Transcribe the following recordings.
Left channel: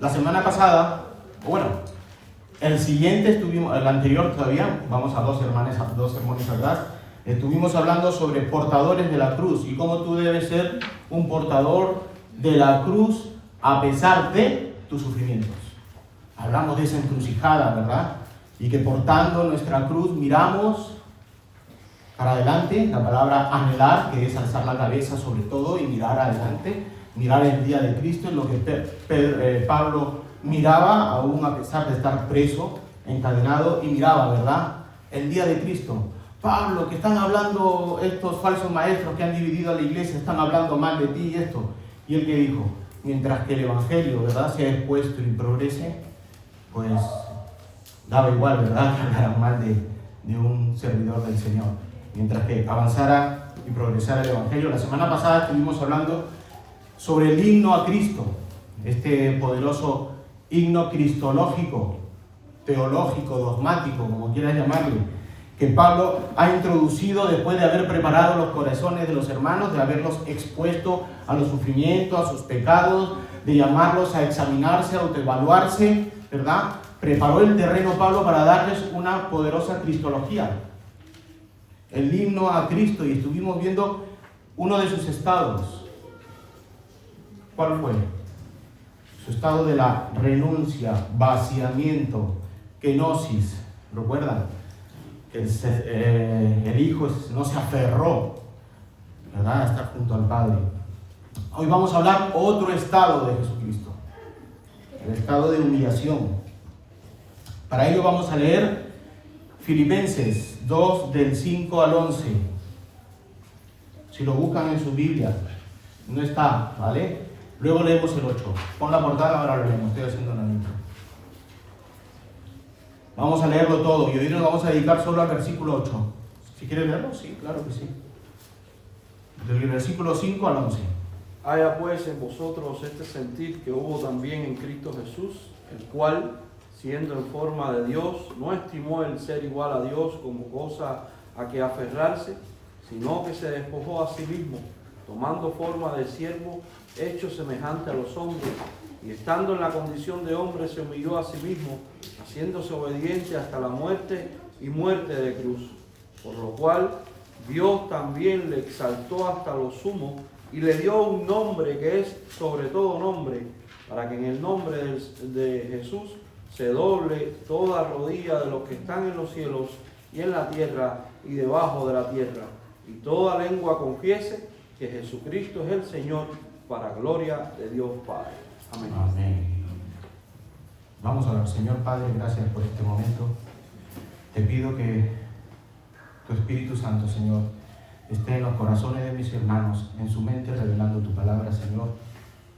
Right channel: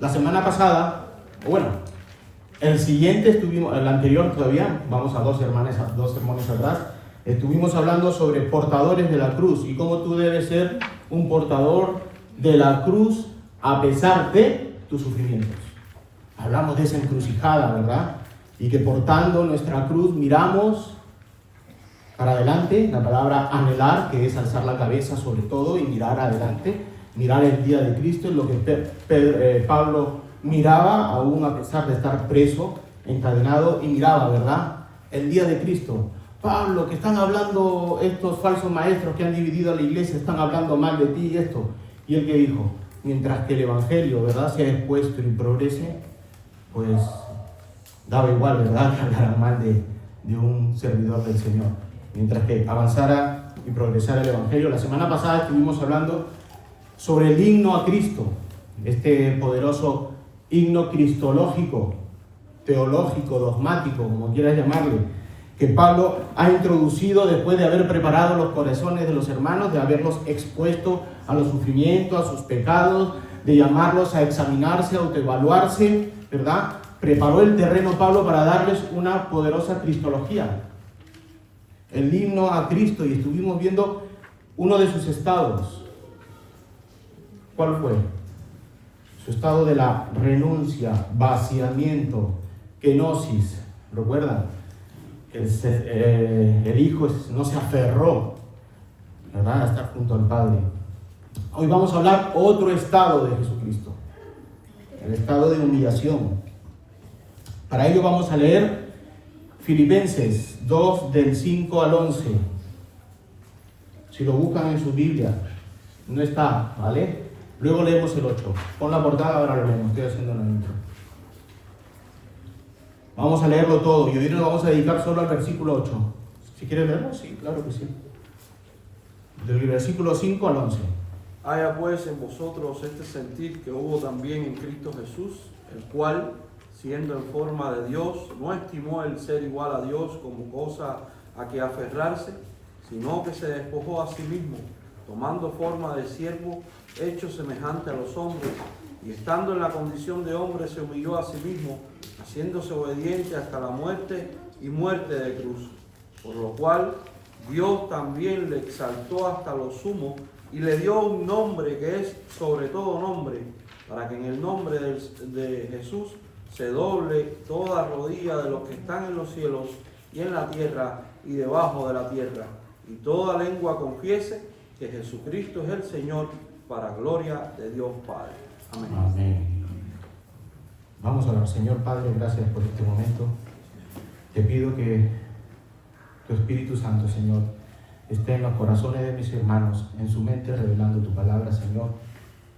La semana pasada, bueno, el anterior todavía, vamos a dos sermones atrás, estuvimos hablando sobre portadores de la cruz y cómo tú debes ser un portador de la cruz a pesar de tus sufrimientos. Hablamos de esa encrucijada, ¿verdad? Y que portando nuestra cruz miramos para adelante, la palabra anhelar, que es alzar la cabeza sobre todo y mirar adelante, mirar el día de Cristo, en lo que Pablo miraba, aún a pesar de estar preso, encadenado, y miraba, ¿verdad? El día de Cristo. Pablo, que están hablando estos falsos maestros que han dividido a la iglesia, están hablando mal de ti y esto. Y él que dijo, mientras que el evangelio, ¿verdad?, sea expuesto y progrese, pues daba igual, ¿verdad?, que hablaran mal de un servidor del Señor. Mientras que avanzara y progresara el evangelio. La semana pasada estuvimos hablando sobre el himno a Cristo, este poderoso himno cristológico, teológico, dogmático, como quieras llamarle, que Pablo ha introducido después de haber preparado los corazones de los hermanos, de haberlos expuesto a los sufrimientos, a sus pecados, de llamarlos a examinarse, a autoevaluarse, ¿verdad? Preparó el terreno Pablo para darles una poderosa cristología, el himno a Cristo, y estuvimos viendo uno de sus estados. ¿Cuál fue? Su estado de la renuncia, vaciamiento, kenosis. ¿Recuerdan? El Hijo no se aferró, ¿verdad?, a estar junto al Padre. Hoy vamos a hablar otro estado de Jesucristo, el estado de humillación. Para ello vamos a leer Filipenses 2, del 5 al 11. Si lo buscan en su Biblia, no está, ¿vale? Luego leemos el 8. Pon la portada, ahora lo leemos, estoy haciendo una intro. Vamos a leerlo todo y hoy nos vamos a dedicar solo al versículo 8. Si quieres leerlo, sí, claro que sí. Del versículo 5 al 11. Haya pues en vosotros este sentir que hubo también en Cristo Jesús, el cual, siendo en forma de Dios, no estimó el ser igual a Dios como cosa a que aferrarse, sino que se despojó a sí mismo, tomando forma de siervo, hecho semejante a los hombres, y estando en la condición de hombre se humilló a sí mismo, haciéndose obediente hasta la muerte y muerte de cruz. Por lo cual Dios también le exaltó hasta lo sumo y le dio un nombre que es sobre todo nombre, para que en el nombre de Jesús se doble toda rodilla de los que están en los cielos y en la tierra y debajo de la tierra, y toda lengua confiese que Jesucristo es el Señor, para gloria de Dios Padre. Amén. Amén. Vamos a orar. Señor Padre, gracias por este momento. Te pido que tu Espíritu Santo, Señor, esté en los corazones de mis hermanos, en su mente, revelando tu palabra, Señor,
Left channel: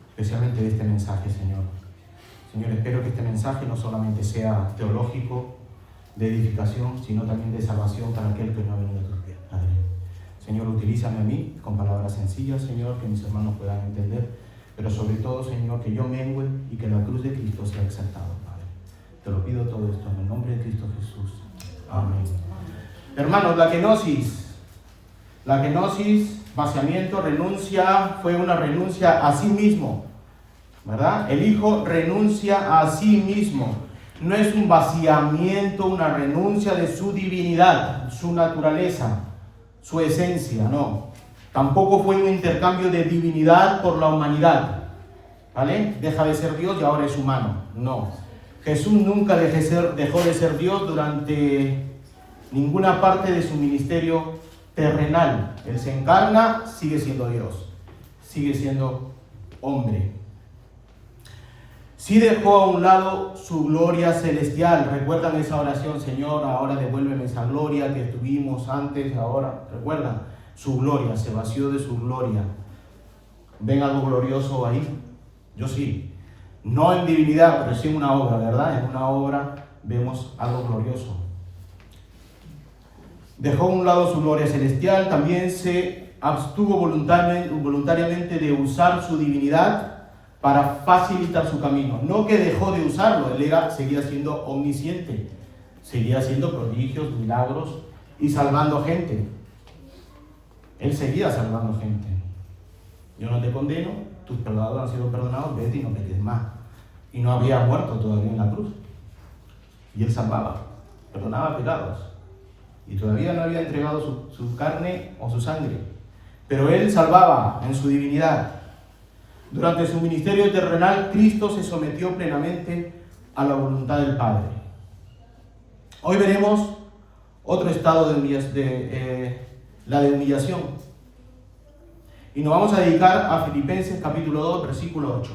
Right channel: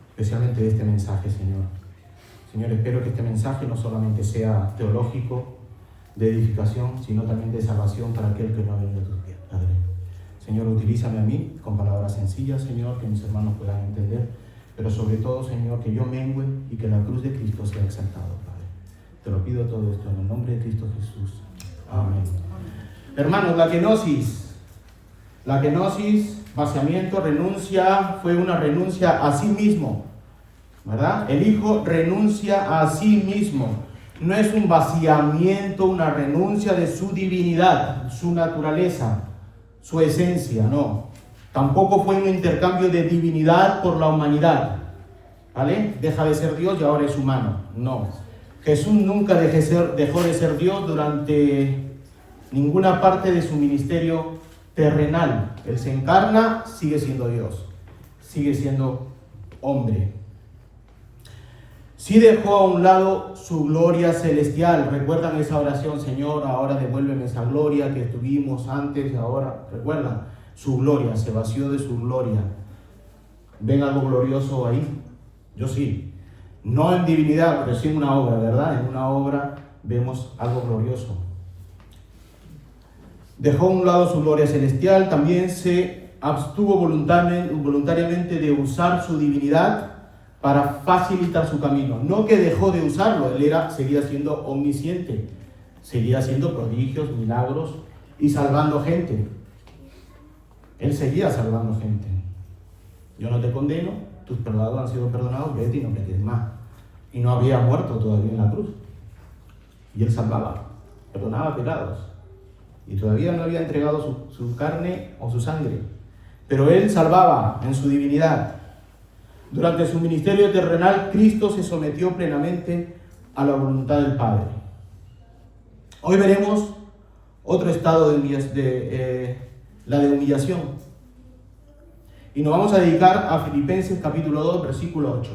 especialmente de este mensaje, Señor. Señor, espero que este mensaje no solamente sea teológico, de edificación, sino también de salvación para aquel que no ha venido a tus pies, Padre. Señor, utilízame a mí con palabras sencillas, Señor, que mis hermanos puedan entender, pero sobre todo, Señor, que yo mengue y que la cruz de Cristo sea exaltado, Padre. Te lo pido todo esto en el nombre de Cristo Jesús. Amén. Hermanos, la kenosis, vaciamiento, renuncia, fue una renuncia a sí mismo, ¿verdad? El Hijo renuncia a sí mismo. No es un vaciamiento, una renuncia de su divinidad, su naturaleza, su esencia, no. Tampoco fue un intercambio de divinidad por la humanidad, ¿vale? Deja de ser Dios y ahora es humano, no. Jesús nunca dejó de ser Dios durante ninguna parte de su ministerio terrenal. Él se encarna, sigue siendo Dios, sigue siendo hombre. Sí dejó a un lado su gloria celestial. ¿Recuerdan esa oración? Señor, ahora devuélveme esa gloria que tuvimos antes, ahora. ¿Recuerdan? Su gloria, se vació de su gloria. ¿Ven algo glorioso ahí? Yo sí. No en divinidad, pero sí en una obra, ¿verdad? En una obra vemos algo glorioso. Dejó a un lado su gloria celestial, también se abstuvo voluntariamente de usar su divinidad para facilitar su camino. No que dejó de usarlo, él seguía siendo omnisciente, seguía haciendo prodigios, milagros y salvando gente. Él seguía salvando gente. Yo no te condeno, tus pecados han sido perdonados, vete y no peques más. y no había muerto todavía en la cruz. Y Él salvaba, perdonaba pecados. Y todavía no había entregado su carne o su sangre. Pero Él salvaba en su divinidad. Durante su ministerio terrenal, Cristo se sometió plenamente a la voluntad del Padre. Hoy veremos otro estado la de humillación. Y nos vamos a dedicar a Filipenses capítulo 2, versículo 8.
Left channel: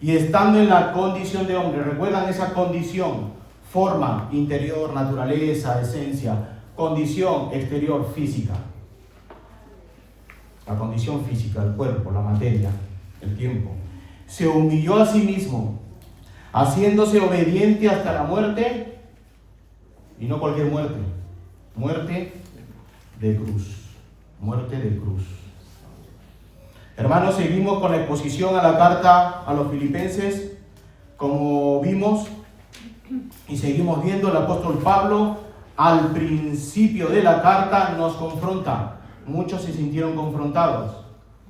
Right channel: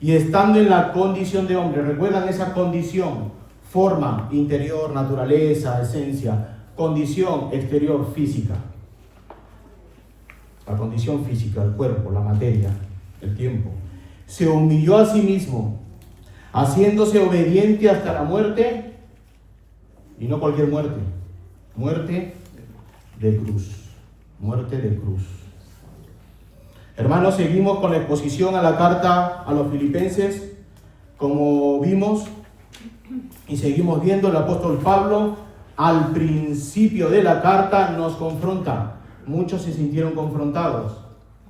Y estando en la condición de hombre, ¿recuerdan esa condición? Forma interior, naturaleza, esencia. Condición exterior, física. La condición física, el cuerpo, la materia, el tiempo. Se humilló a sí mismo, haciéndose obediente hasta la muerte, y no cualquier muerte, muerte de cruz. Muerte de cruz. Hermanos, seguimos con la exposición a la carta a los Filipenses. Como vimos y seguimos viendo, el apóstol Pablo al principio de la carta nos confronta. Muchos se sintieron confrontados,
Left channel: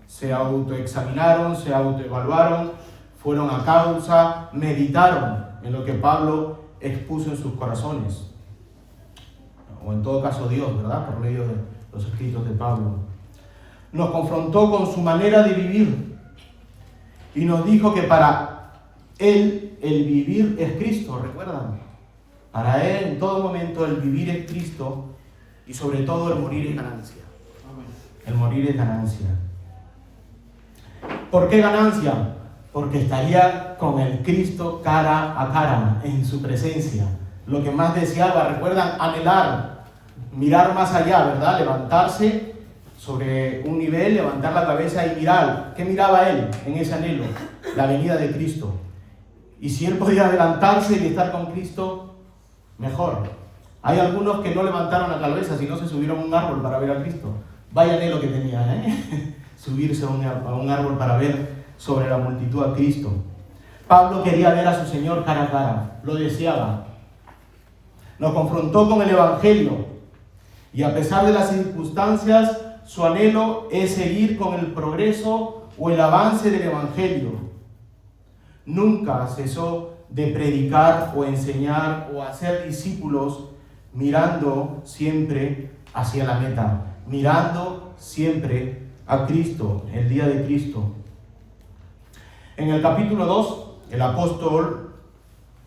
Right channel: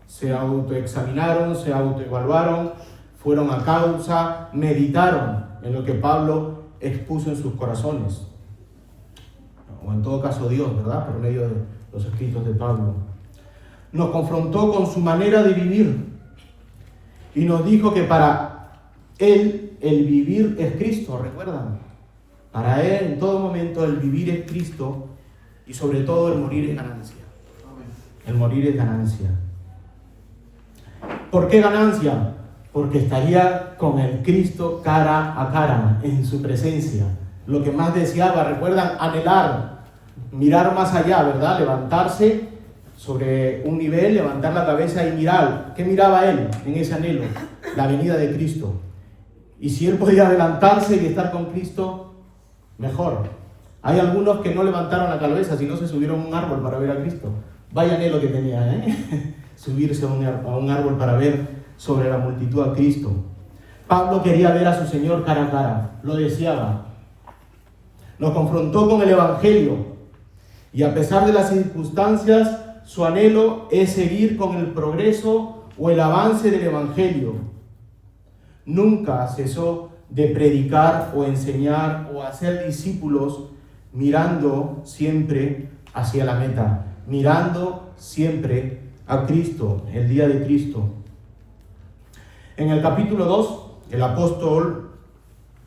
se autoexaminaron, se autoevaluaron, fueron a causa, meditaron en lo que Pablo expuso en sus corazones. O en todo caso Dios, ¿verdad? Por medio de los escritos de Pablo. Nos confrontó con su manera de vivir y nos dijo que para Él el vivir es Cristo, ¿recuerdan? Para Él en todo momento el vivir es Cristo y sobre todo el morir es ganancia. El morir es ganancia. ¿Por qué ganancia? Porque estaría con el Cristo cara a cara, en su presencia. Lo que más deseaba, ¿recuerdan? Anhelar, mirar más allá, ¿verdad? Levantarse sobre un nivel, levantar la cabeza y mirar. ¿Qué miraba él en ese anhelo? La venida de Cristo. Y si él podía adelantarse y estar con Cristo, mejor. Hay algunos que no levantaron la cabeza, sino se subieron a un árbol para ver a Cristo. Vaya anhelo que tenía, ¿eh? Subirse a un árbol para ver sobre la multitud a Cristo. Pablo quería ver a su Señor cara a cara, lo deseaba. Nos confrontó con el Evangelio y a pesar de las circunstancias, su anhelo es seguir con el progreso o el avance del Evangelio. Nunca cesó de predicar o enseñar o hacer discípulos mirando siempre hacia la meta, mirando siempre a Cristo, el día de Cristo. En el capítulo 2, el apóstol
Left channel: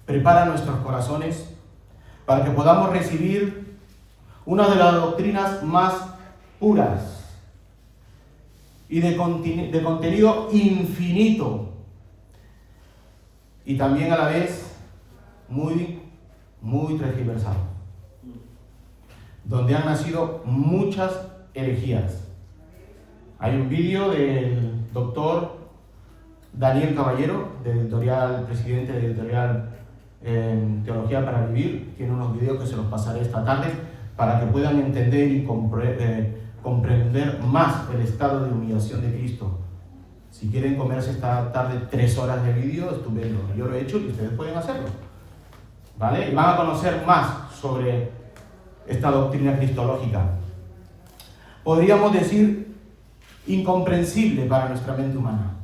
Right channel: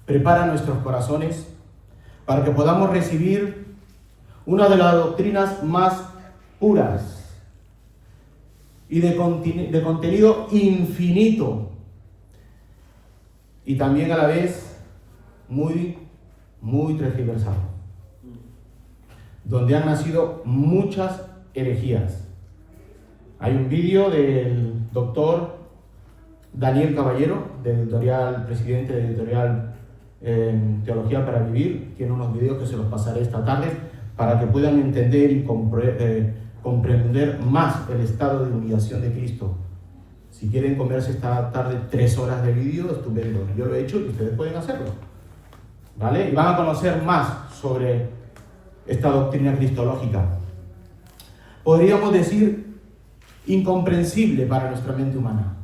prepara nuestros corazones para que podamos recibir una de las doctrinas más puras y de contenido infinito y también a la vez muy tergiversado, donde han nacido muchas herejías. Hay un vídeo del doctor Daniel Caballero, presidente de editorial Teología para Vivir. Tiene unos videos que se los pasaré esta tarde para que puedan entender y comprender más el estado de humillación de Cristo. Si quieren comerse esta tarde 3 horas de vídeo, estupendo. Yo lo he hecho y ustedes pueden hacerlo, ¿vale? Y van a conocer más sobre esta doctrina cristológica. Podríamos decir incomprensible para nuestra mente humana.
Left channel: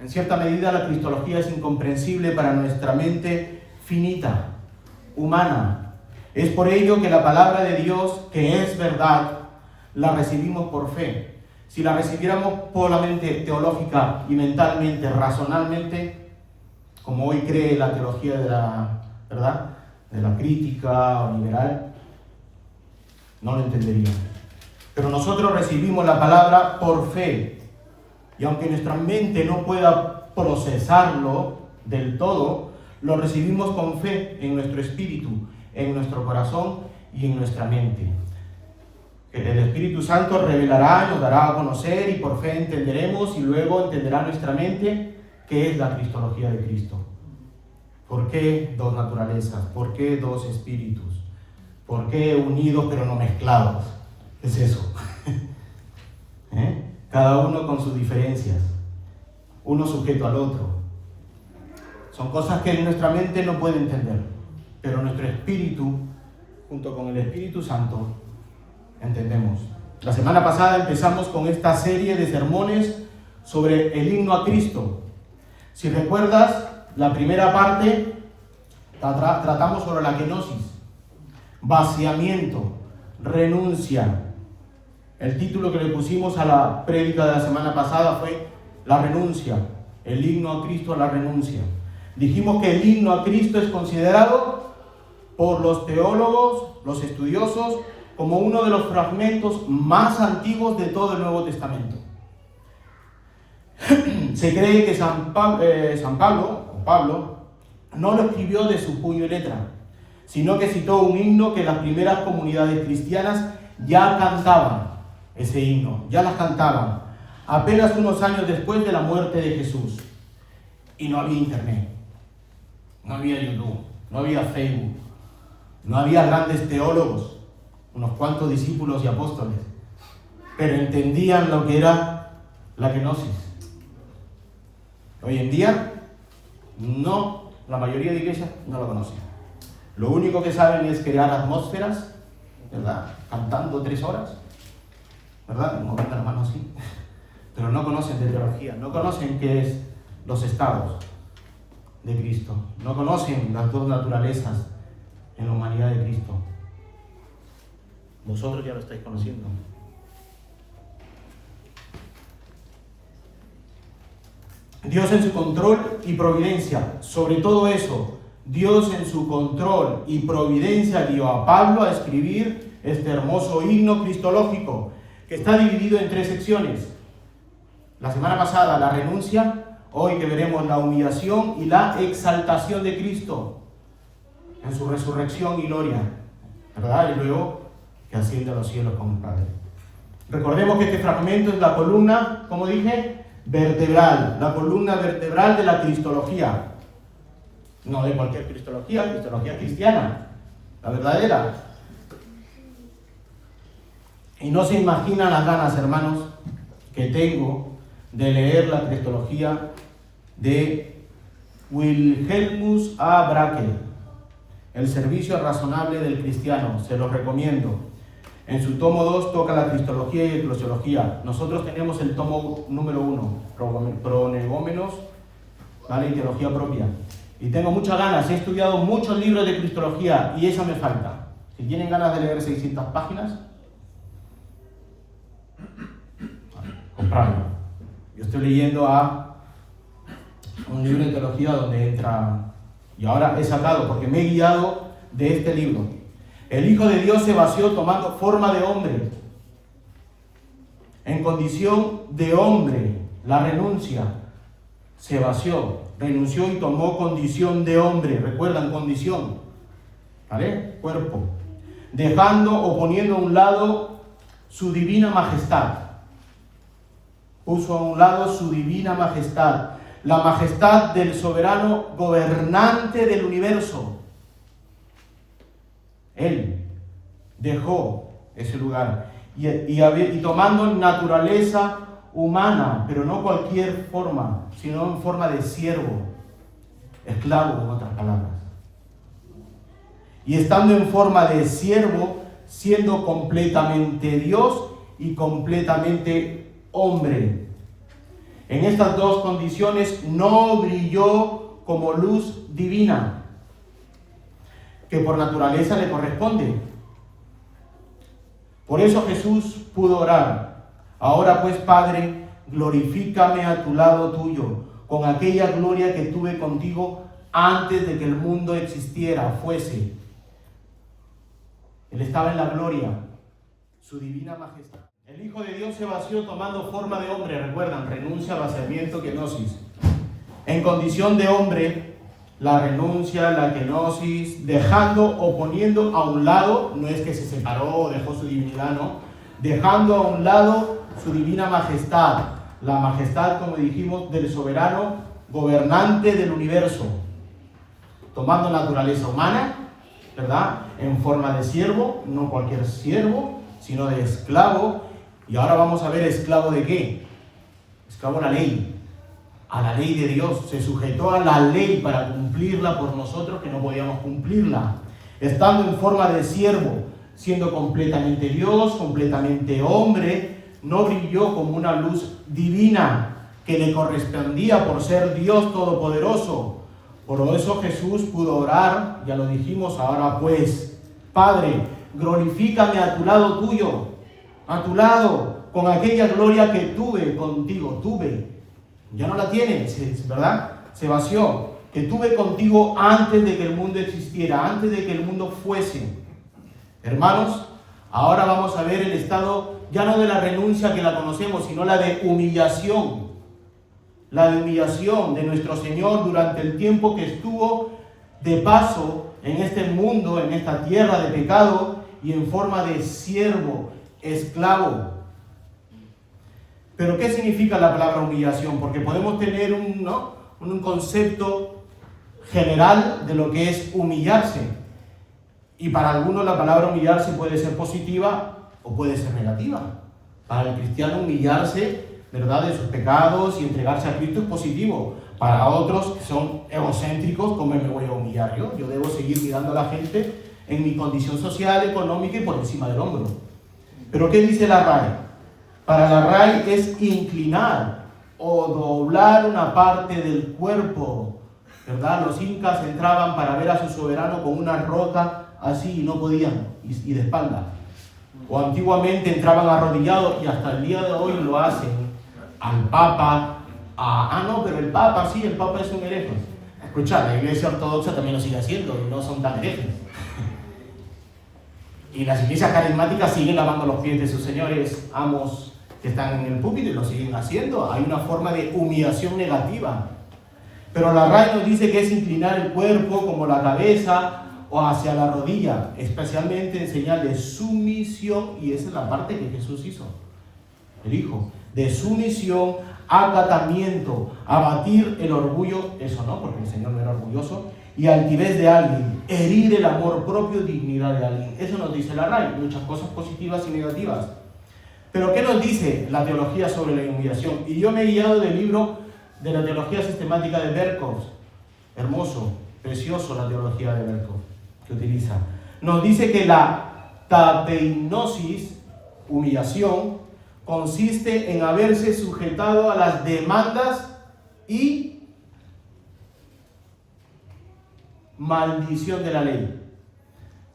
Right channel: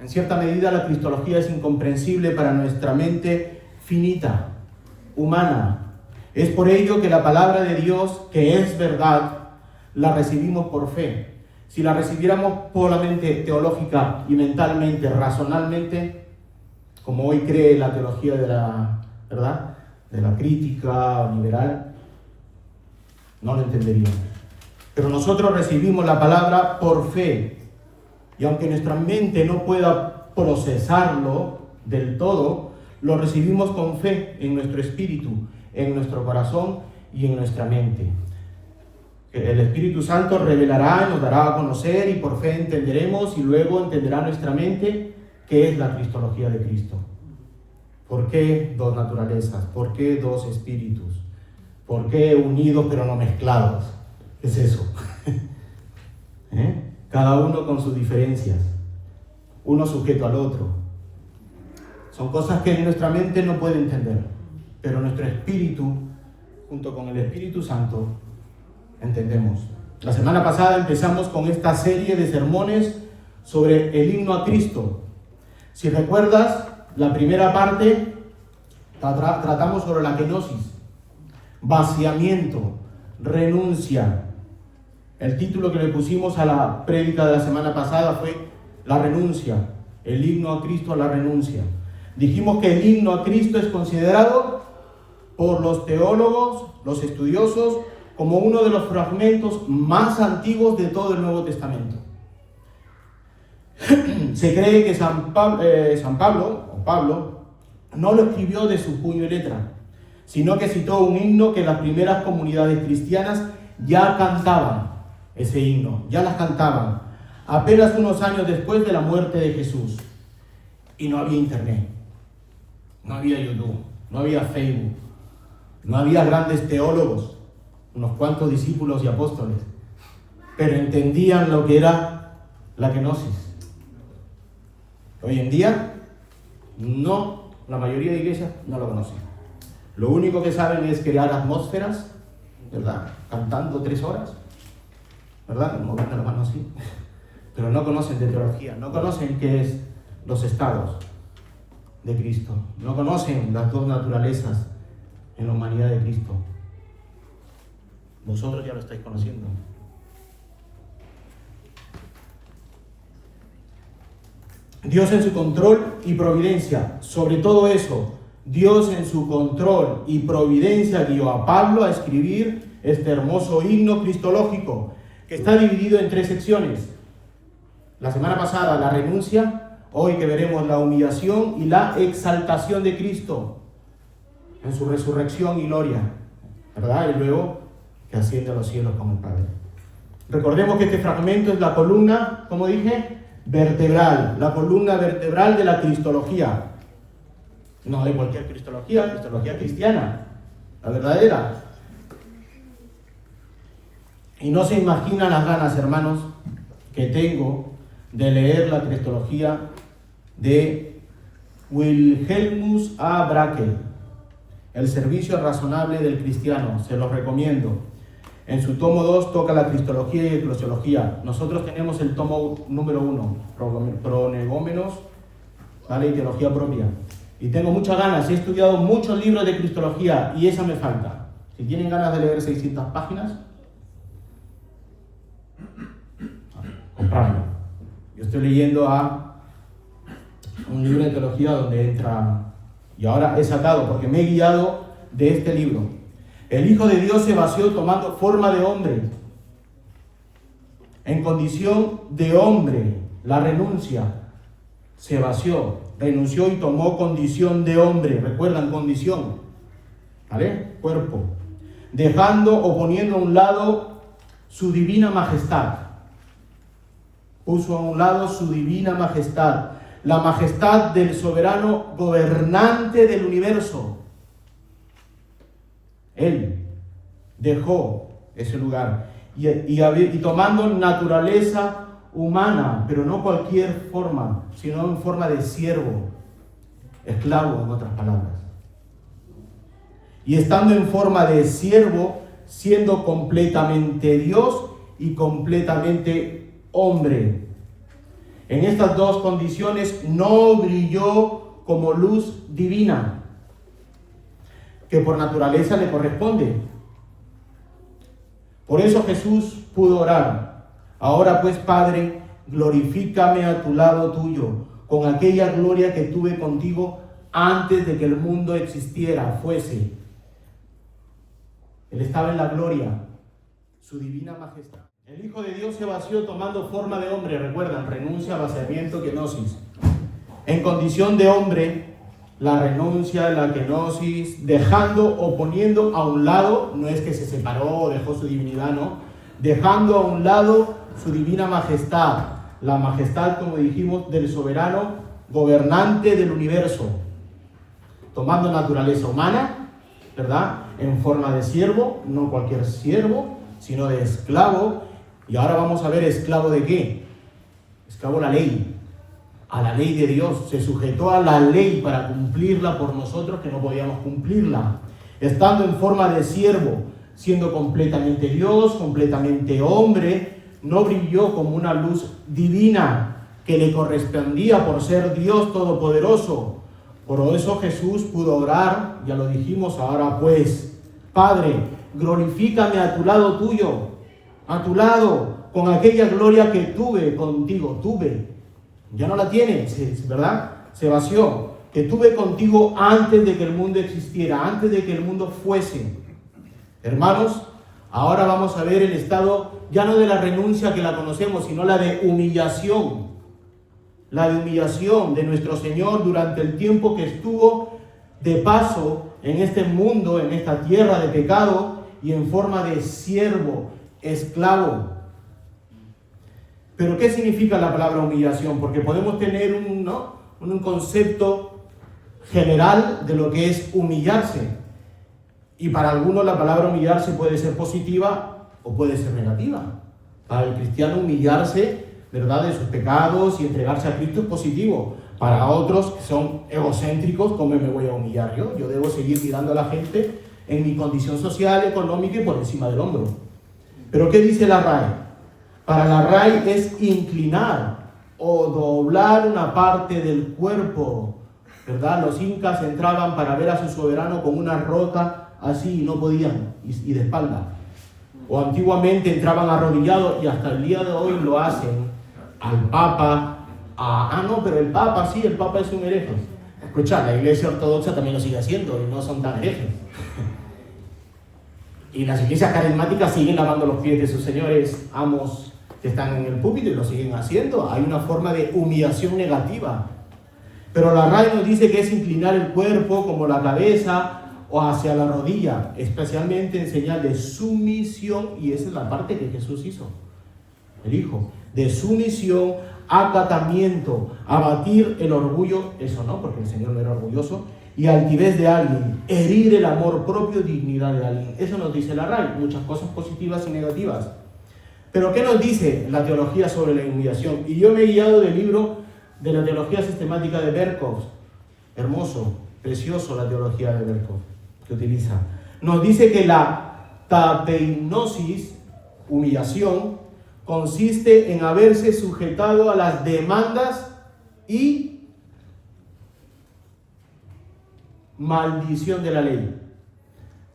En cierta medida la cristología es incomprensible para nuestra mente finita, humana. Es por ello que la palabra de Dios, que es verdad, la recibimos por fe. Si la recibiéramos puramente teológica y mentalmente, razonalmente, como hoy cree la teología de la crítica o liberal, no lo entenderíamos. Pero nosotros recibimos la palabra por fe. Y aunque nuestra mente no pueda procesarlo del todo, lo recibimos con fe en nuestro espíritu, en nuestro corazón y en nuestra mente. El Espíritu Santo revelará, nos dará a conocer y por fe entenderemos y luego entenderá nuestra mente qué es la cristología de Cristo. ¿Por qué 2 naturalezas? ¿Por qué 2 espíritus? ¿Por qué unidos pero no mezclados? ¿Qué es eso? Cada uno con sus diferencias, uno sujeto al otro. Son cosas que nuestra mente no puede entender, pero nuestro espíritu, junto con el Espíritu Santo, entendemos. La semana pasada empezamos con esta serie de sermones sobre el himno a Cristo. Si recuerdas, la primera parte tratamos sobre la kenosis, vaciamiento, renuncia. El título que le pusimos a la prédica de la semana pasada fue la renuncia, el himno a Cristo a la renuncia. Dijimos que el himno a Cristo es considerado por los teólogos, los estudiosos, como uno de los fragmentos más antiguos de todo el Nuevo Testamento. Se cree que Pablo no lo escribió de su puño y letra, sino que citó un himno que las primeras comunidades cristianas ya cantaban, ese himno, ya las cantaban, apenas unos años después de la muerte de Jesús. Y no había internet, no había YouTube, no había Facebook, no había grandes teólogos, unos cuantos discípulos y apóstoles, pero entendían lo que era la kenosis. Hoy en día, no, la mayoría de iglesias no lo conocen. Lo único que saben es crear atmósferas, ¿verdad? Cantando 3 horas, ¿verdad? Moviendo la mano así. Pero no conocen de teología, no conocen qué es los estados de Cristo, no conocen las dos naturalezas en la humanidad de Cristo. Vosotros ya lo estáis conociendo. Dios en su control y providencia, sobre todo eso, Dios en su control y providencia guió a Pablo a escribir este hermoso himno cristológico, que está dividido en 3 secciones. La semana pasada la renuncia, hoy que veremos la humillación y la exaltación de Cristo en su resurrección y gloria, ¿verdad? Y luego que asciende a los cielos como el Padre. Recordemos que este fragmento es la columna, como dije, vertebral, la columna vertebral de la cristología. No de cualquier cristología, cristología cristiana, la verdadera. Y no se imaginan las ganas, hermanos, que tengo de leer la cristología de Wilhelmus A. Brakel, El servicio razonable del cristiano. Se los recomiendo. En su tomo 2 toca la cristología y eclesiología. Nosotros tenemos el tomo número 1, Prolegómenos, ¿vale? Y teología propia. Y tengo muchas ganas, he estudiado muchos libros de cristología y esa me falta. Si tienen ganas de leer 600 páginas, comprarlo. Yo estoy leyendo a un libro de teología donde entra, y ahora he sacado, porque me he guiado de este libro. El Hijo de Dios se vació tomando forma de hombre, en condición de hombre, la renuncia, se vació, renunció y tomó condición de hombre, recuerdan, condición, ¿vale? Cuerpo, dejando o poniendo a un lado su divina majestad, puso a un lado su divina majestad, la majestad del soberano gobernante del universo. Él dejó ese lugar y tomando naturaleza humana, pero no cualquier forma, sino en forma de siervo, esclavo en otras palabras. Y estando en forma de siervo, siendo completamente Dios y completamente hombre. En estas 2 condiciones no brilló como luz divina, que por naturaleza le corresponde. Por eso Jesús pudo orar: ahora pues, Padre, glorifícame a tu lado tuyo, con aquella gloria que tuve contigo antes de que el mundo existiera, fuese. Él estaba en la gloria, su divina majestad. El Hijo de Dios se vació tomando forma de hombre, recuerdan, renuncia al vaciamiento, kenosis. En condición de hombre, la renuncia, la kenosis, dejando o poniendo a un lado, no es que se separó o dejó su divinidad, no, dejando a un lado su divina majestad, la majestad, como dijimos, del soberano gobernante del universo, tomando naturaleza humana, ¿verdad? En forma de siervo, no cualquier siervo, sino de esclavo. Y ahora vamos a ver esclavo de qué. Esclavo a la ley de Dios. Se sujetó a la ley para cumplirla por nosotros que no podíamos cumplirla. Estando en forma de siervo, siendo completamente Dios, completamente hombre, no brilló como una luz divina, que le correspondía por ser Dios Todopoderoso. Por eso Jesús pudo orar, ya lo dijimos, ahora pues, Padre, glorifícame a tu lado tuyo, a tu lado, con aquella gloria que tuve contigo, ya no la tienes, ¿verdad? Se vació, que tuve contigo antes de que el mundo existiera, antes de que el mundo fuese. Hermanos, ahora vamos a ver el estado, ya no de la renuncia que la conocemos, sino la de humillación. La de humillación de nuestro Señor durante el tiempo que estuvo de paso en este mundo, en esta tierra de pecado y en forma de siervo, esclavo. Pero ¿qué significa la palabra humillación? Porque podemos tener un concepto general de lo que es humillarse. Y para algunos la palabra humillarse puede ser positiva o puede ser negativa. Para el cristiano humillarse, ¿verdad?, de sus pecados y entregarse a Cristo es positivo. Para otros que son egocéntricos, ¿cómo me voy a humillar yo? Yo debo seguir mirando a la gente en mi condición social, económica y por encima del hombro. ¿Pero qué dice la RAE? Para la RAE es inclinar o doblar una parte del cuerpo, ¿verdad? Los incas entraban para ver a su soberano con una roca así y no podían, y de espalda. O antiguamente entraban arrodillados y hasta el día de hoy lo hacen al Papa. Pero el Papa sí, el Papa es un hereje. Escucha, la Iglesia Ortodoxa también lo sigue haciendo y no son tan herejes. Y las iglesias carismáticas siguen lavando los pies de sus señores amos que están en el púlpito y lo siguen haciendo. Hay una forma de humillación negativa. Pero la RAE nos dice que es inclinar el cuerpo como la cabeza o hacia la rodilla, especialmente en señal de sumisión, y esa es la parte que Jesús hizo, el Hijo, de sumisión, acatamiento, abatir el orgullo, eso no, porque el Señor no era orgulloso, y altivez de alguien, herir el amor propio, dignidad de alguien. Eso nos dice la RAE, muchas cosas positivas y negativas. Pero ¿qué nos dice la teología sobre la humillación? Y yo me he guiado del libro de la teología sistemática de Berkov, hermoso, precioso la teología de Berkov que utiliza. Nos dice que la tapeinosis, humillación, consiste en haberse sujetado a las demandas y maldición de la ley.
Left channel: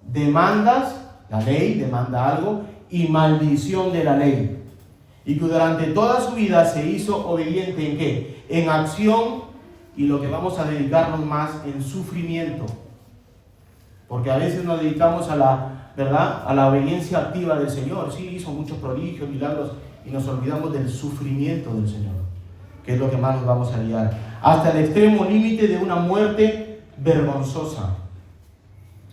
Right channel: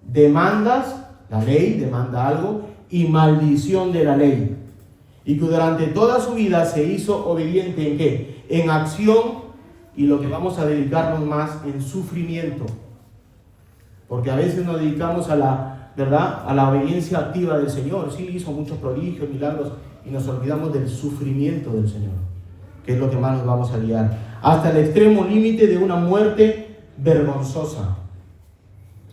Demandas, la ley demanda algo, y maldición de la ley. Y que durante toda su vida se hizo obediente ¿en qué? En acción, y lo que vamos a dedicarnos más, en sufrimiento. Porque a veces nos dedicamos a la, ¿verdad?, a la obediencia activa del Señor. Sí, hizo muchos prodigios, milagros, y nos olvidamos del sufrimiento del Señor, que es lo que más nos vamos a guiar. Hasta el extremo límite de una muerte vergonzosa.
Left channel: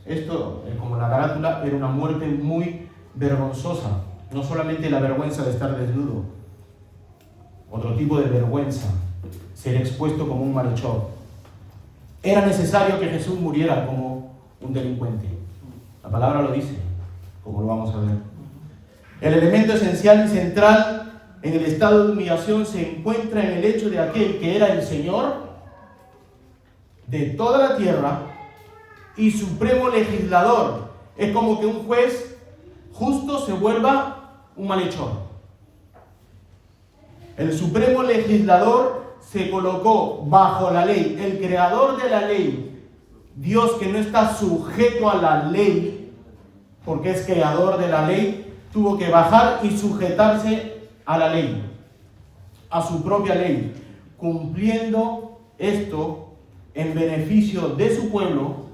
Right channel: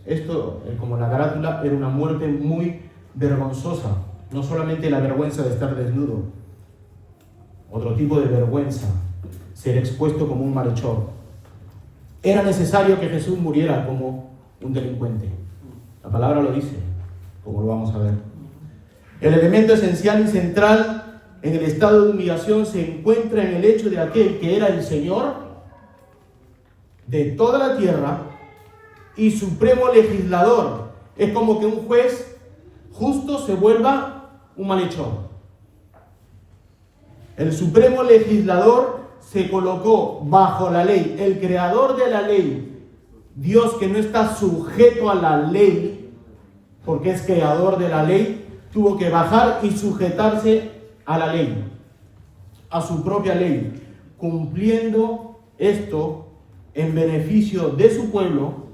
Esto, como la carátula, era una muerte muy vergonzosa. No solamente la vergüenza de estar desnudo, otro tipo de vergüenza, ser expuesto como un malhechor. Era necesario que Jesús muriera como un delincuente. La palabra lo dice, como lo vamos a ver. El elemento esencial y central en el estado de humillación se encuentra en el hecho de aquel que era el Señor de toda la tierra y supremo legislador. Es como que un juez justo se vuelva un malhechor. El supremo legislador se colocó bajo la ley, el creador de la ley, Dios que no está sujeto a la ley, porque es creador de la ley, tuvo que bajar y sujetarse a la ley, a su propia ley, cumpliendo esto en beneficio de su pueblo,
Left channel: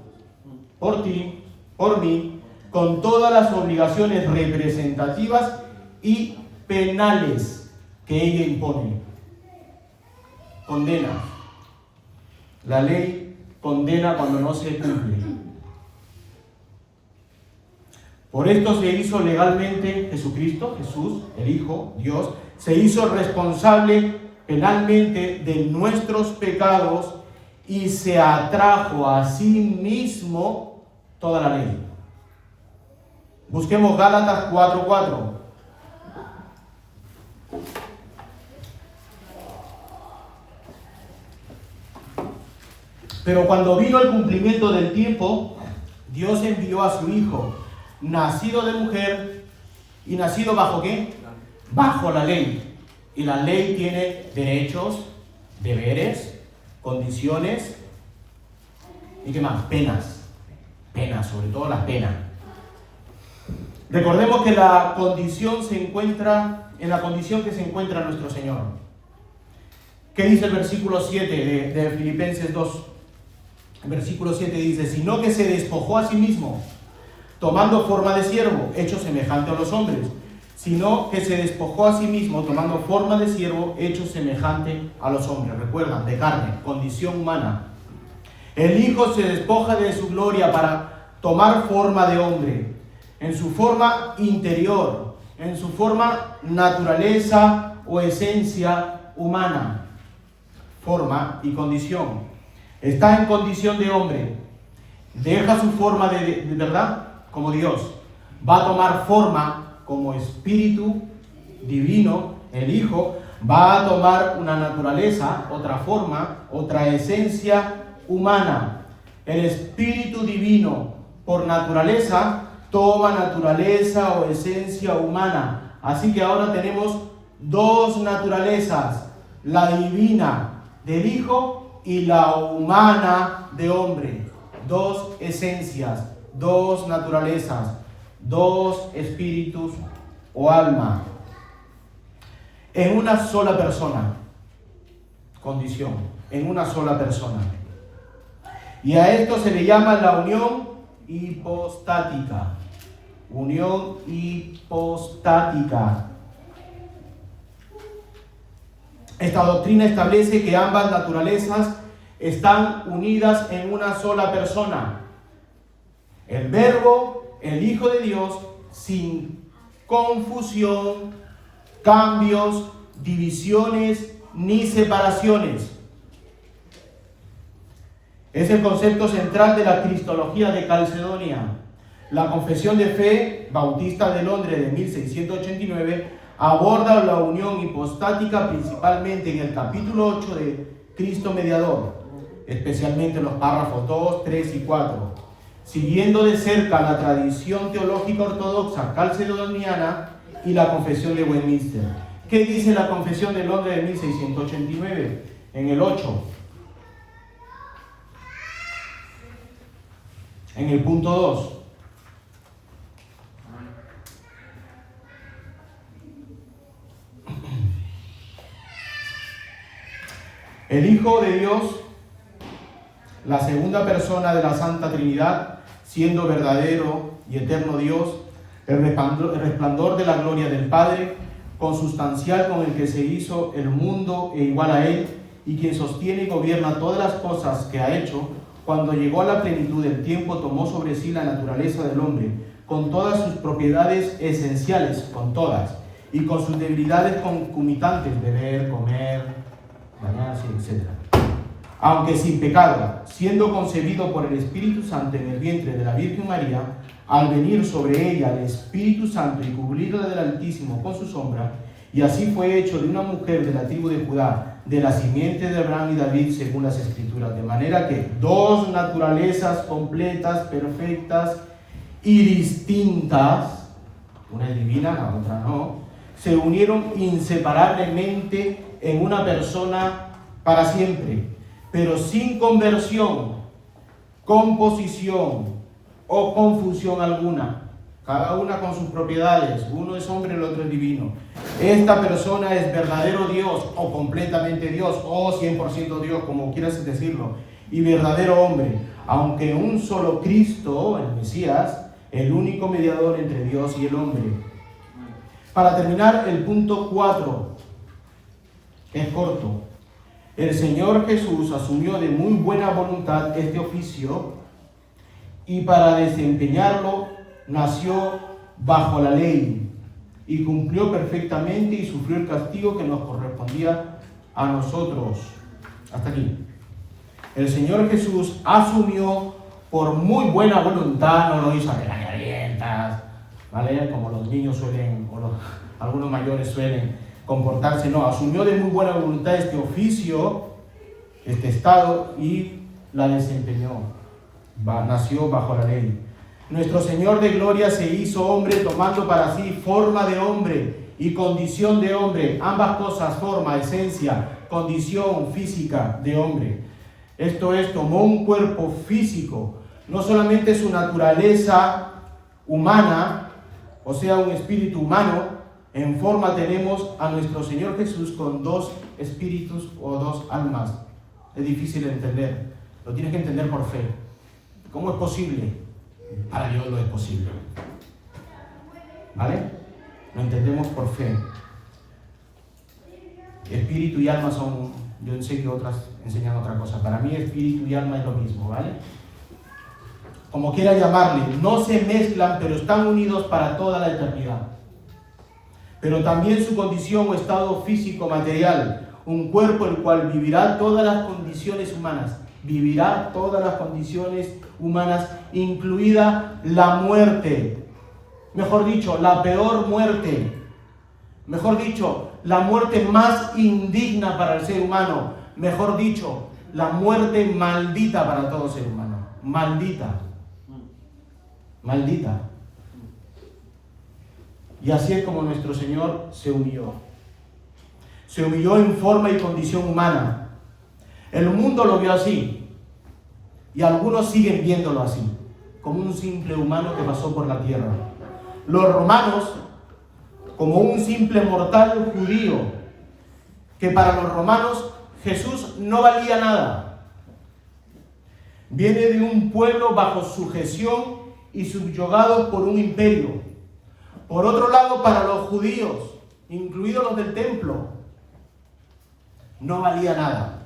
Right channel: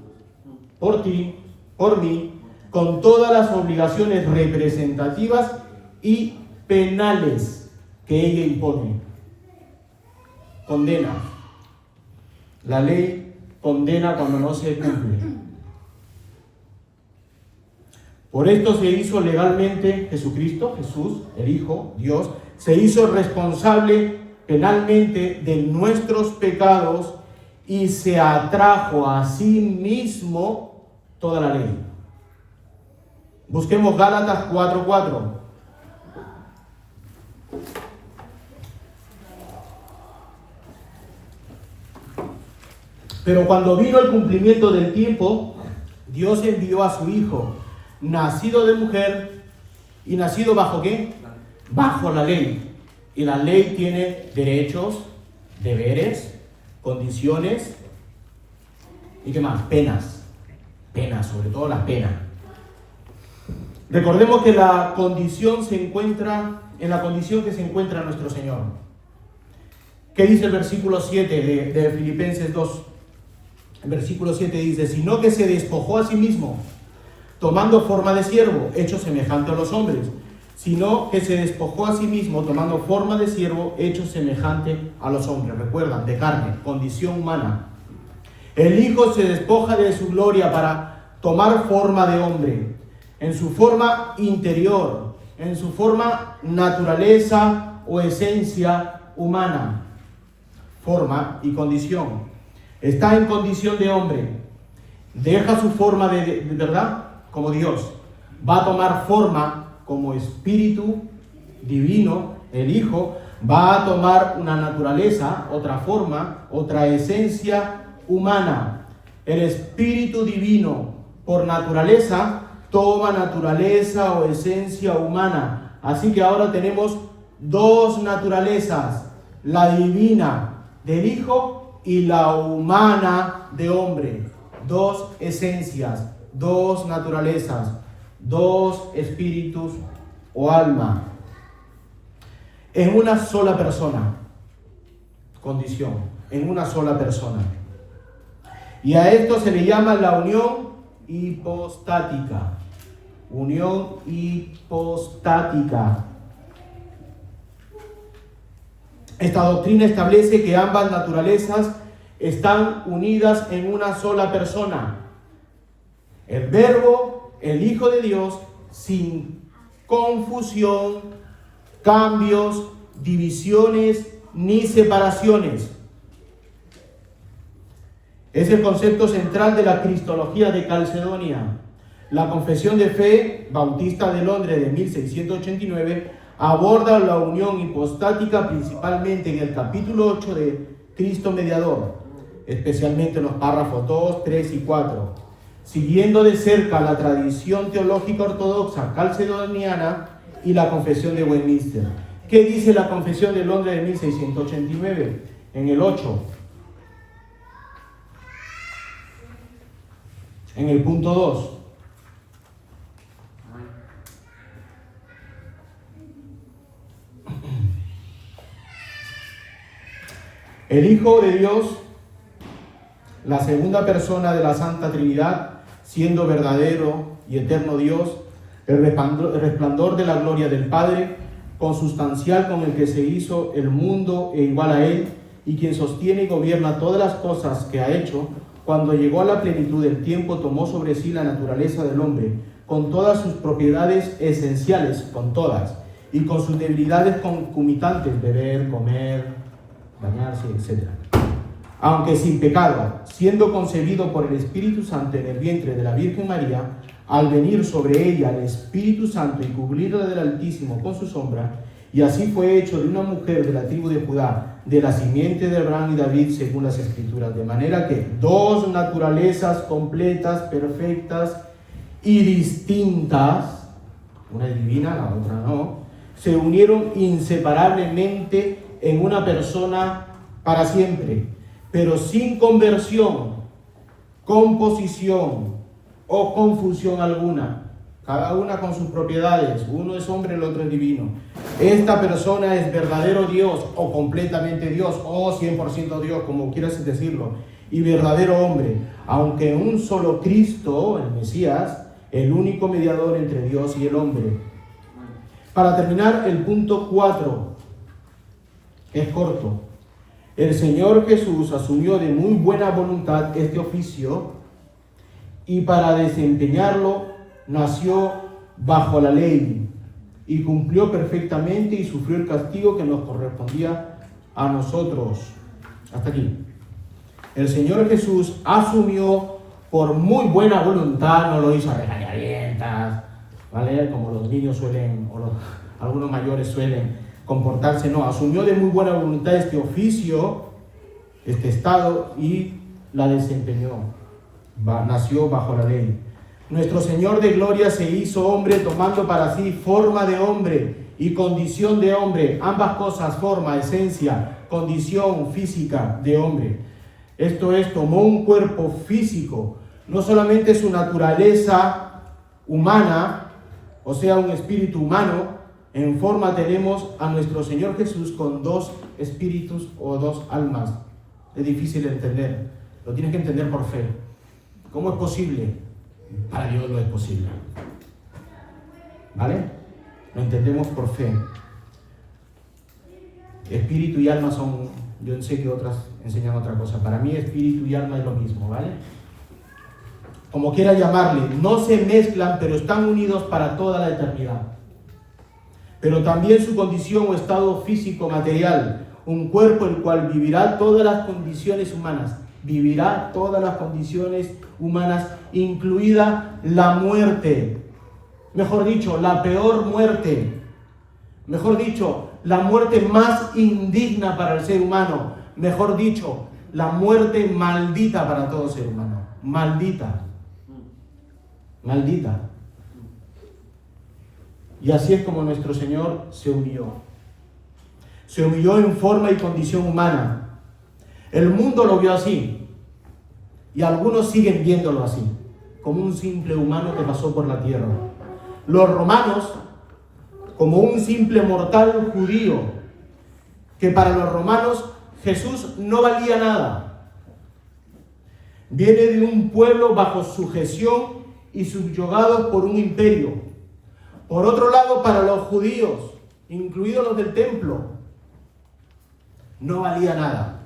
por ti, por mí, con todas las obligaciones representativas y penales que ella impone. Condena. La ley condena cuando no se cumple. Por esto se hizo legalmente Jesucristo, Jesús, el Hijo, Dios, se hizo responsable penalmente de nuestros pecados y se atrajo a sí mismo toda la ley. Busquemos Gálatas 4:4. Pero cuando vino el cumplimiento del tiempo, Dios envió a su Hijo, nacido de mujer y nacido bajo ¿qué? Bajo la ley, Y la ley tiene derechos, deberes, condiciones y ¿qué más? Penas. Penas, sobre todo la pena. Recordemos que la condición se encuentra en la condición que se encuentra nuestro Señor. ¿Qué dice el versículo 7 de Filipenses 2? El versículo 7 dice: sino que se despojó a sí mismo, tomando forma de siervo, hecho semejante a los hombres. Sino que se despojó a sí mismo, tomando forma de siervo, hecho semejante a los hombres. Recuerdan, de carne, condición humana. El Hijo se despoja de su gloria para tomar forma de hombre, en su forma interior, en su forma naturaleza o esencia humana. Forma y condición. Está en condición de hombre. Deja su forma de verdad como Dios. Va a tomar forma como espíritu divino. El Hijo va a tomar una naturaleza, otra forma, otra esencia humana. El espíritu divino, por naturaleza, toma naturaleza o esencia humana. Así que ahora tenemos dos naturalezas: la divina del Hijo y la humana de hombre. Dos esencias, dos naturalezas, dos espíritus o alma en una sola persona. Condición, en una sola persona. Y a esto se le llama la unión hipostática. Unión hipostática. Esta doctrina establece que ambas naturalezas están unidas en una sola persona. El Verbo, el Hijo de Dios, sin confusión, cambios, divisiones ni separaciones. Es el concepto central de la Cristología de Calcedonia. La Confesión de Fe Bautista de Londres de 1689 aborda la unión hipostática principalmente en el capítulo 8 de Cristo Mediador, especialmente en los párrafos 2, 3 y 4. Siguiendo de cerca la tradición teológica ortodoxa calcedoniana y la Confesión de Westminster. ¿Qué dice la Confesión de Londres de 1689? En el 8. En el punto 2. El Hijo de Dios, la segunda persona de la Santa Trinidad, siendo verdadero y eterno Dios, el resplandor de la gloria del Padre, consustancial con el que se hizo el mundo e igual a él, y quien sostiene y gobierna todas las cosas que ha hecho, cuando llegó a la plenitud del tiempo, tomó sobre sí la naturaleza del hombre, con todas sus propiedades esenciales, con todas, y con sus debilidades concomitantes, beber, comer, bañarse, etc. Aunque sin pecado, siendo concebido por el Espíritu Santo en el vientre de la Virgen María, al venir sobre ella el Espíritu Santo y cubrirla del Altísimo con su sombra, y así fue hecho de una mujer de la tribu de Judá, de la simiente de Abraham y David, según las Escrituras, de manera que dos naturalezas completas, perfectas y distintas, una es divina, la otra no, se unieron inseparablemente en una persona para siempre, pero sin conversión, composición o confusión alguna, cada una con sus propiedades. Uno es hombre, el otro es divino. Esta persona es verdadero Dios, o completamente Dios, o 100% Dios, como quieras decirlo, y verdadero hombre, aunque un solo Cristo, el Mesías, el único mediador entre Dios y el hombre. Para terminar, el punto 4 es corto. El Señor Jesús asumió de muy buena voluntad este oficio, y para desempeñarlo nació bajo la ley y cumplió perfectamente y sufrió el castigo que nos correspondía a nosotros. Hasta aquí. El Señor Jesús asumió por muy buena voluntad, no lo hizo a regañadientas, ¿vale? Como los niños suelen, o algunos mayores suelen comportarse, no, asumió de muy buena voluntad este oficio, este estado, y la desempeñó. Nació bajo la ley. Nuestro Señor de gloria se hizo hombre tomando para sí forma de hombre y condición de hombre. Ambas cosas, forma, esencia, condición física de hombre. Esto es, tomó un cuerpo físico, no solamente su naturaleza humana, o sea, un espíritu humano. En forma tenemos a nuestro Señor Jesús con dos espíritus o dos almas. Es difícil de entender, lo tienes que entender por fe. ¿Cómo es posible? Para Dios lo es posible. ¿Vale? Lo entendemos por fe. Espíritu y alma son, yo sé que otras enseñan otra cosa. Para mí espíritu y alma es lo mismo, ¿vale? Como quiera llamarle, no se mezclan, pero están unidos para toda la eternidad. Pero también su condición o estado físico material, un cuerpo el cual vivirá todas las condiciones humanas, vivirá todas las condiciones humanas, incluida la muerte. Mejor dicho, la peor muerte. Mejor dicho, la muerte más indigna para el ser humano. Mejor dicho, la muerte maldita para todo ser humano. Maldita. Maldita. Y así es como nuestro Señor se humilló. Se humilló en forma y condición humana. El mundo lo vio así. Y algunos siguen viéndolo así, como un simple humano que pasó por la tierra. Los romanos, como un simple mortal judío, que para los romanos Jesús no valía nada. Viene de un pueblo bajo sujeción y subyugados por un imperio. Por otro lado, para los judíos, incluidos los del templo, no valía nada.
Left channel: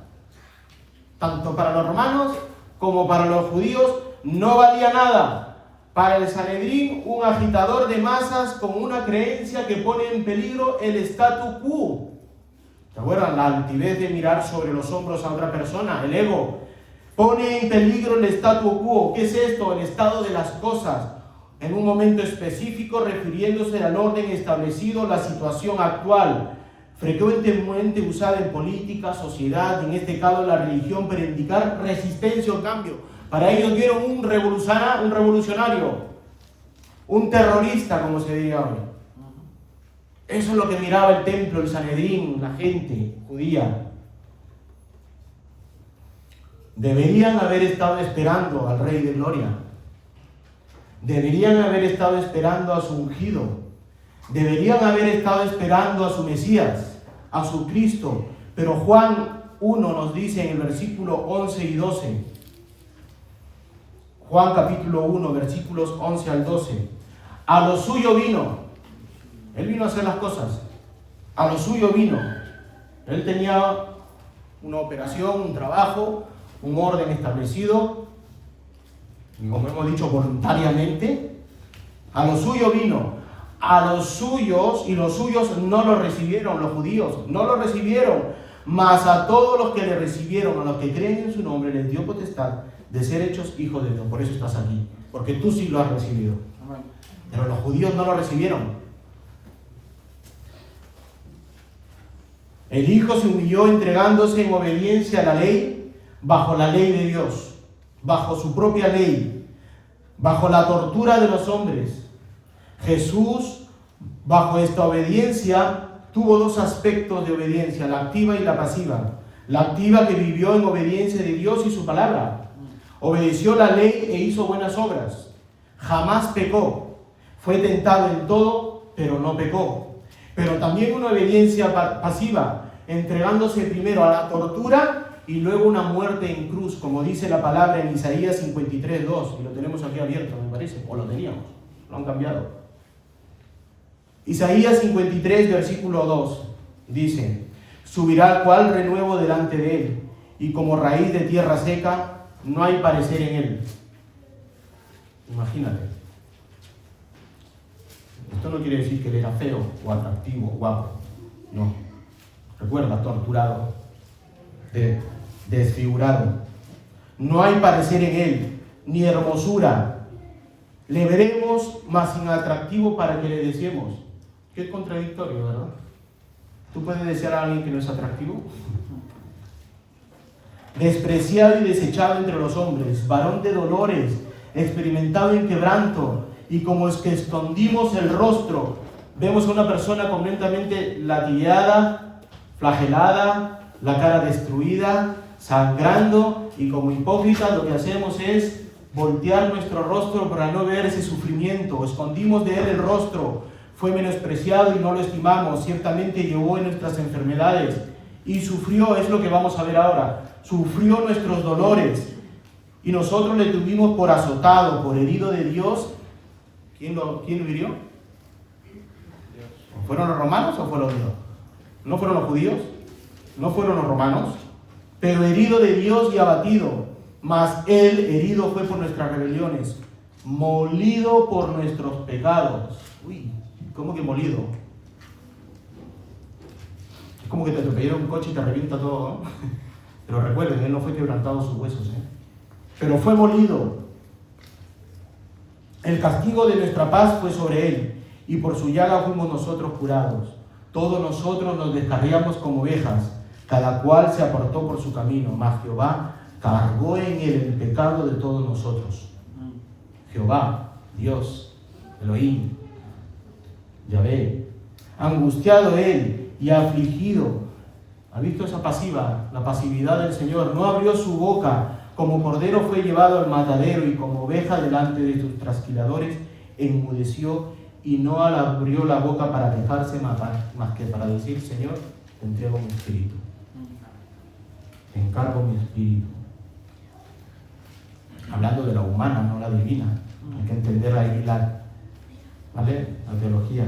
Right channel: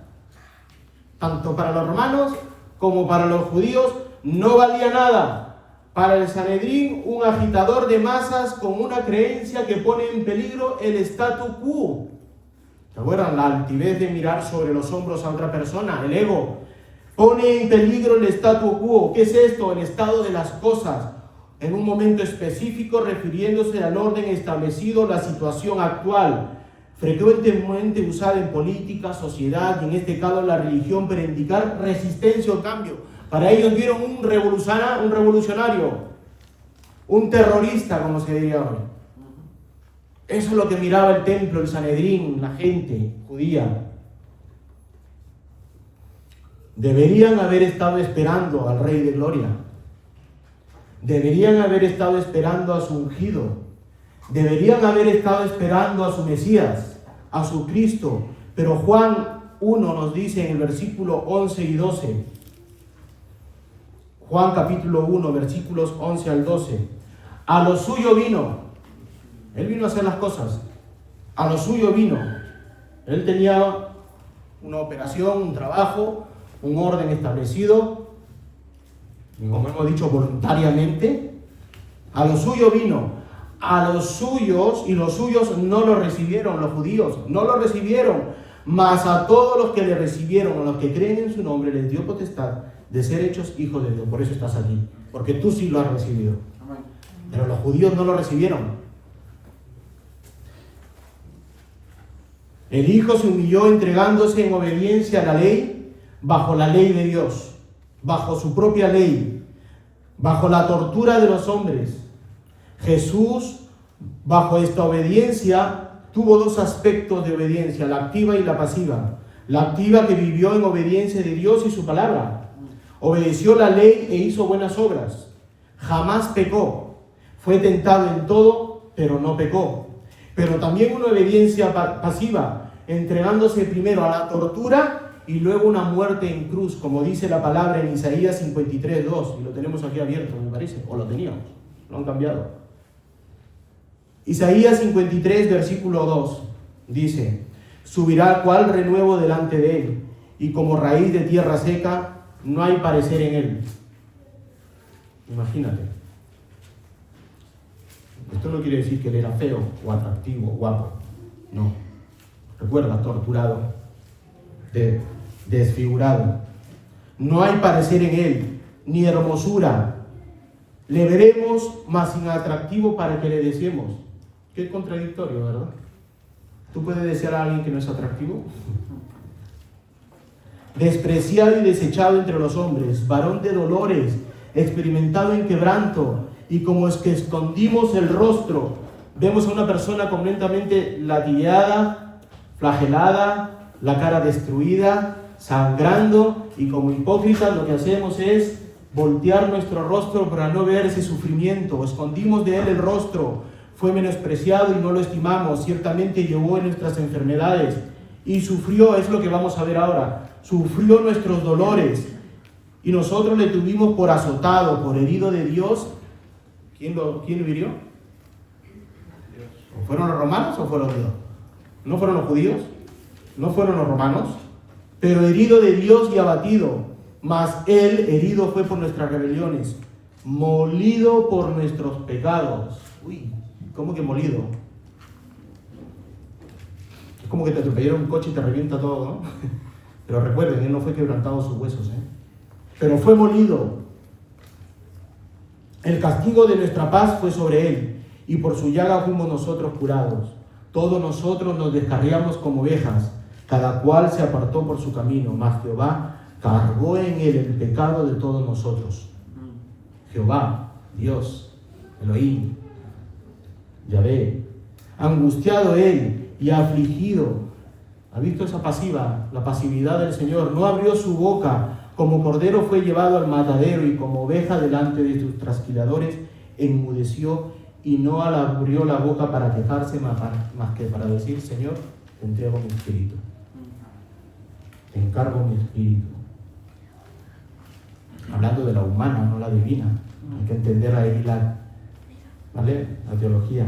Tanto para los romanos como para los judíos no valía nada. Para el Sanedrín, un agitador de masas con una creencia que pone en peligro el statu quo. ¿Se acuerdan? La altivez de mirar sobre los hombros a otra persona, el ego. Pone en peligro el statu quo. ¿Qué es esto? El estado de las cosas. En un momento específico, refiriéndose al orden establecido, la situación actual, frecuentemente usada en política, sociedad y en este caso la religión para indicar resistencia o cambio. Para ellos vieron un revolucionario, un terrorista, como se diría hoy. Eso es lo que miraba el templo, el Sanedrín, la gente judía. Deberían haber estado esperando al Rey de Gloria. Deberían haber estado esperando a su ungido. Deberían haber estado esperando a su Mesías, a su Cristo. Pero Juan 1 nos dice en el versículo 11 y 12. Juan capítulo 1, versículos 11 al 12. A lo suyo vino. Él vino a hacer las cosas. A lo suyo vino. Él tenía una operación, un trabajo, un orden establecido. Como hemos dicho, voluntariamente. A lo suyo vino. A los suyos, y los suyos no lo recibieron, los judíos no lo recibieron, mas a todos los que le recibieron, a los que creen en su nombre, les dio potestad de ser hechos hijos de Dios. Por eso estás aquí, porque tú sí lo has recibido. Pero los judíos no lo recibieron. El Hijo se humilló entregándose en obediencia a la ley, bajo la ley de Dios, bajo su propia ley, bajo la tortura de los hombres. Jesús, bajo esta obediencia, tuvo dos aspectos de obediencia, la activa y la pasiva. La activa, que vivió en obediencia de Dios y su palabra. Obedeció la ley e hizo buenas obras. Jamás pecó. Fue tentado en todo, pero no pecó. Pero también una obediencia pasiva, entregándose primero a la tortura y luego una muerte en cruz, como dice la palabra en Isaías 53:2. Y lo tenemos aquí abierto, me parece, o lo teníamos, lo han cambiado. Isaías 53, versículo 2, dice: subirá cual renuevo delante de él, y como raíz de tierra seca, no hay parecer en él. Imagínate. Esto no quiere decir que él era feo, o atractivo, o guapo. No. Recuerda, torturado, desfigurado. No hay parecer en él, ni hermosura. Le veremos, mas sin atractivo para que le deseemos. Qué contradictorio, ¿verdad? ¿Tú puedes desear a alguien que no es atractivo? Despreciado y desechado entre los hombres, varón de dolores, experimentado en quebranto, y como es que escondimos el rostro, vemos a una persona completamente latigada, flagelada, la cara destruida, sangrando, y como hipócritas lo que hacemos es voltear nuestro rostro para no ver ese sufrimiento. Escondimos de él el rostro, fue menospreciado y no lo estimamos, ciertamente llevó en nuestras enfermedades y sufrió, es lo que vamos a ver ahora, sufrió nuestros dolores y nosotros le tuvimos por azotado, por herido de Dios. ¿Quién lo hirió? ¿Fueron los romanos o fueron Dios? ¿No fueron los judíos? ¿No fueron los romanos? Pero herido de Dios y abatido, mas él herido fue por nuestras rebeliones, molido por nuestros pecados. Uy, ¿cómo que molido? Es como que te atropellaron un coche y te revienta todo, ¿no? Pero recuerden, él no fue quebrantado sus huesos, pero fue molido. El castigo de nuestra paz fue sobre él, y por su llaga fuimos nosotros curados. Todos nosotros nos descarriamos como ovejas, cada cual se apartó por su camino, mas Jehová cargó en él el pecado de todos nosotros. Jehová, Dios, Elohim, Yahvé, angustiado él y afligido. ¿Ha visto esa pasiva? La pasividad del Señor. No abrió su boca, como cordero fue llevado al matadero, y como oveja delante de sus trasquiladores enmudeció, y no abrió la boca para quejarse más que para decir: Señor, te entrego mi espíritu, te encargo mi espíritu. Hablando de la humana, no la divina. Hay que entender ahí ¿vale? La teología.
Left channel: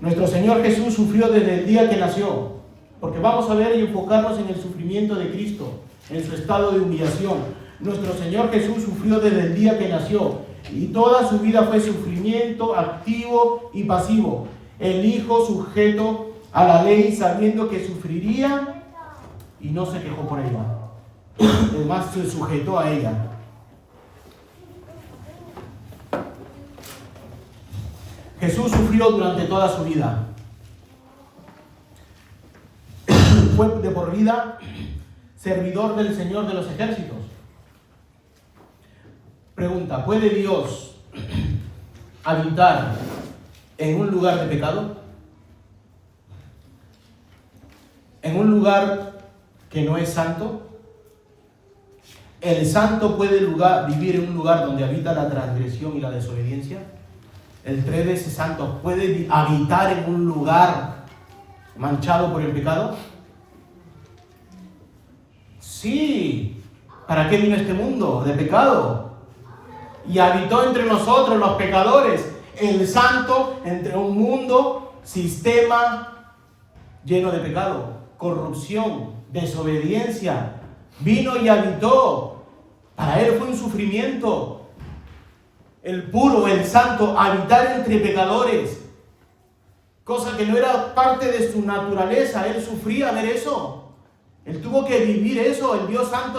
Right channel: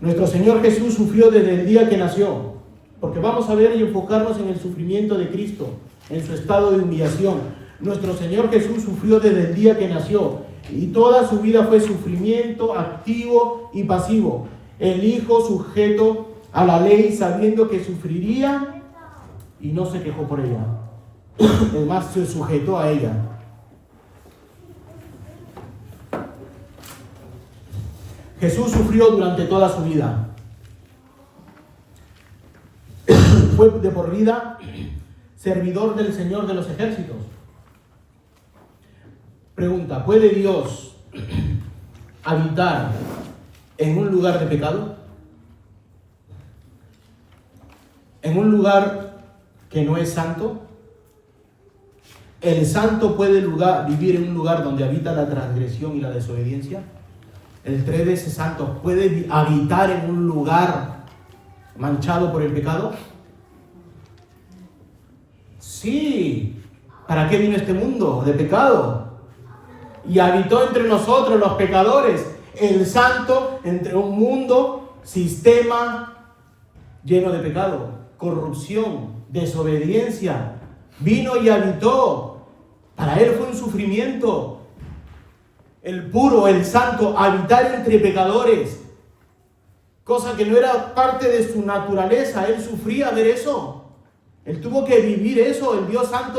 Nuestro Señor Jesús sufrió desde el día que nació, porque vamos a ver y enfocarnos en el sufrimiento de Cristo, en su estado de humillación. Nuestro Señor Jesús sufrió desde el día que nació, y toda su vida fue sufrimiento activo y pasivo. El Hijo sujeto a la ley, sabiendo que sufriría, y no se quejó por ella. Además, se sujetó a ella. Jesús sufrió durante toda su vida. Fue de por vida servidor del Señor de los ejércitos. Pregunta: ¿puede Dios habitar en un lugar de pecado? ¿En un lugar que no es santo? ¿El santo puede vivir en un lugar donde habita la transgresión y la desobediencia? ¿El tres veces santo puede habitar en un lugar manchado por el pecado? Sí. ¿Para qué vino este mundo de pecado? Y habitó entre nosotros los pecadores, el santo entre un mundo, sistema lleno de pecado, corrupción, desobediencia. Vino y habitó. Para él fue un sufrimiento. El puro, el santo, habitar entre pecadores, cosa que no era parte de su naturaleza. Él sufría ver eso. Él tuvo que vivir eso. El Dios santo,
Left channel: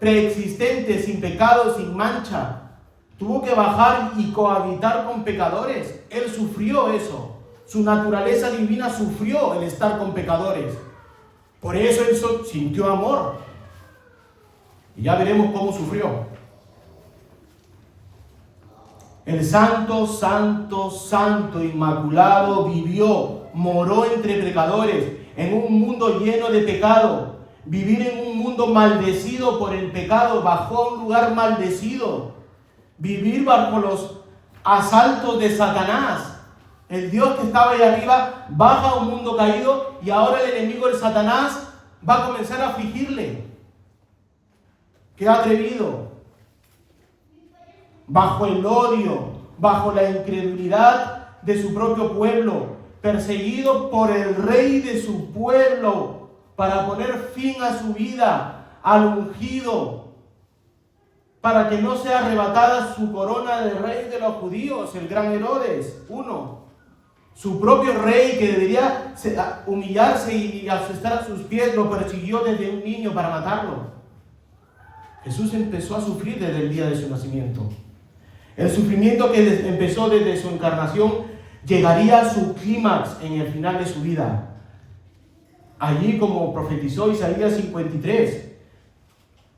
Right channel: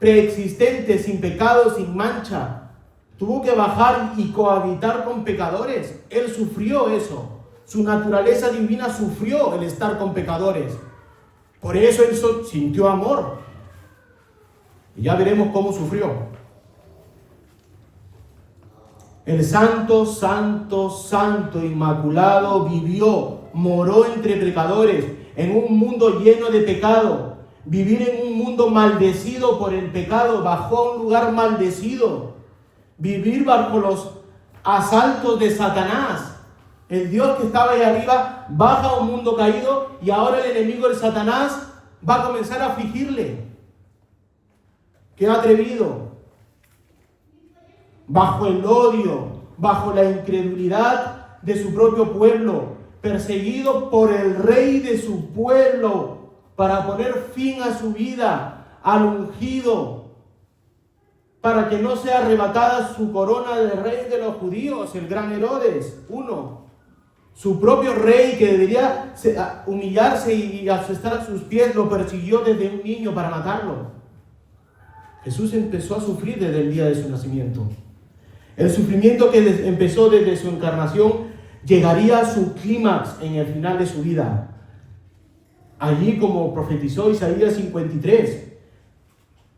preexistente, sin pecado, sin mancha, tuvo que bajar y cohabitar con pecadores. Él sufrió eso. Su naturaleza divina sufrió el estar con pecadores. Por eso él sintió amor. Y ya veremos cómo sufrió. El santo, santo, santo, inmaculado vivió, moró entre pecadores, en un mundo lleno de pecado. Vivir en un mundo maldecido por el pecado, bajó a un lugar maldecido. Vivir bajo los asaltos de Satanás. El Dios que estaba ahí arriba baja a un mundo caído, y ahora el enemigo, el Satanás, va a comenzar a afligirle. ¡Qué atrevido! Bajo el odio, bajo la incredulidad de su propio pueblo, perseguido por el rey de su pueblo, para poner fin a su vida, al ungido, para que no sea arrebatada su corona de rey de los judíos, el gran Herodes, su propio rey, que debería humillarse y estar a sus pies, lo persiguió desde un niño para matarlo. Jesús empezó a sufrir desde el día de su nacimiento. El sufrimiento que empezó desde su encarnación llegaría a su clímax en el final de su vida. Allí, como profetizó Isaías 53,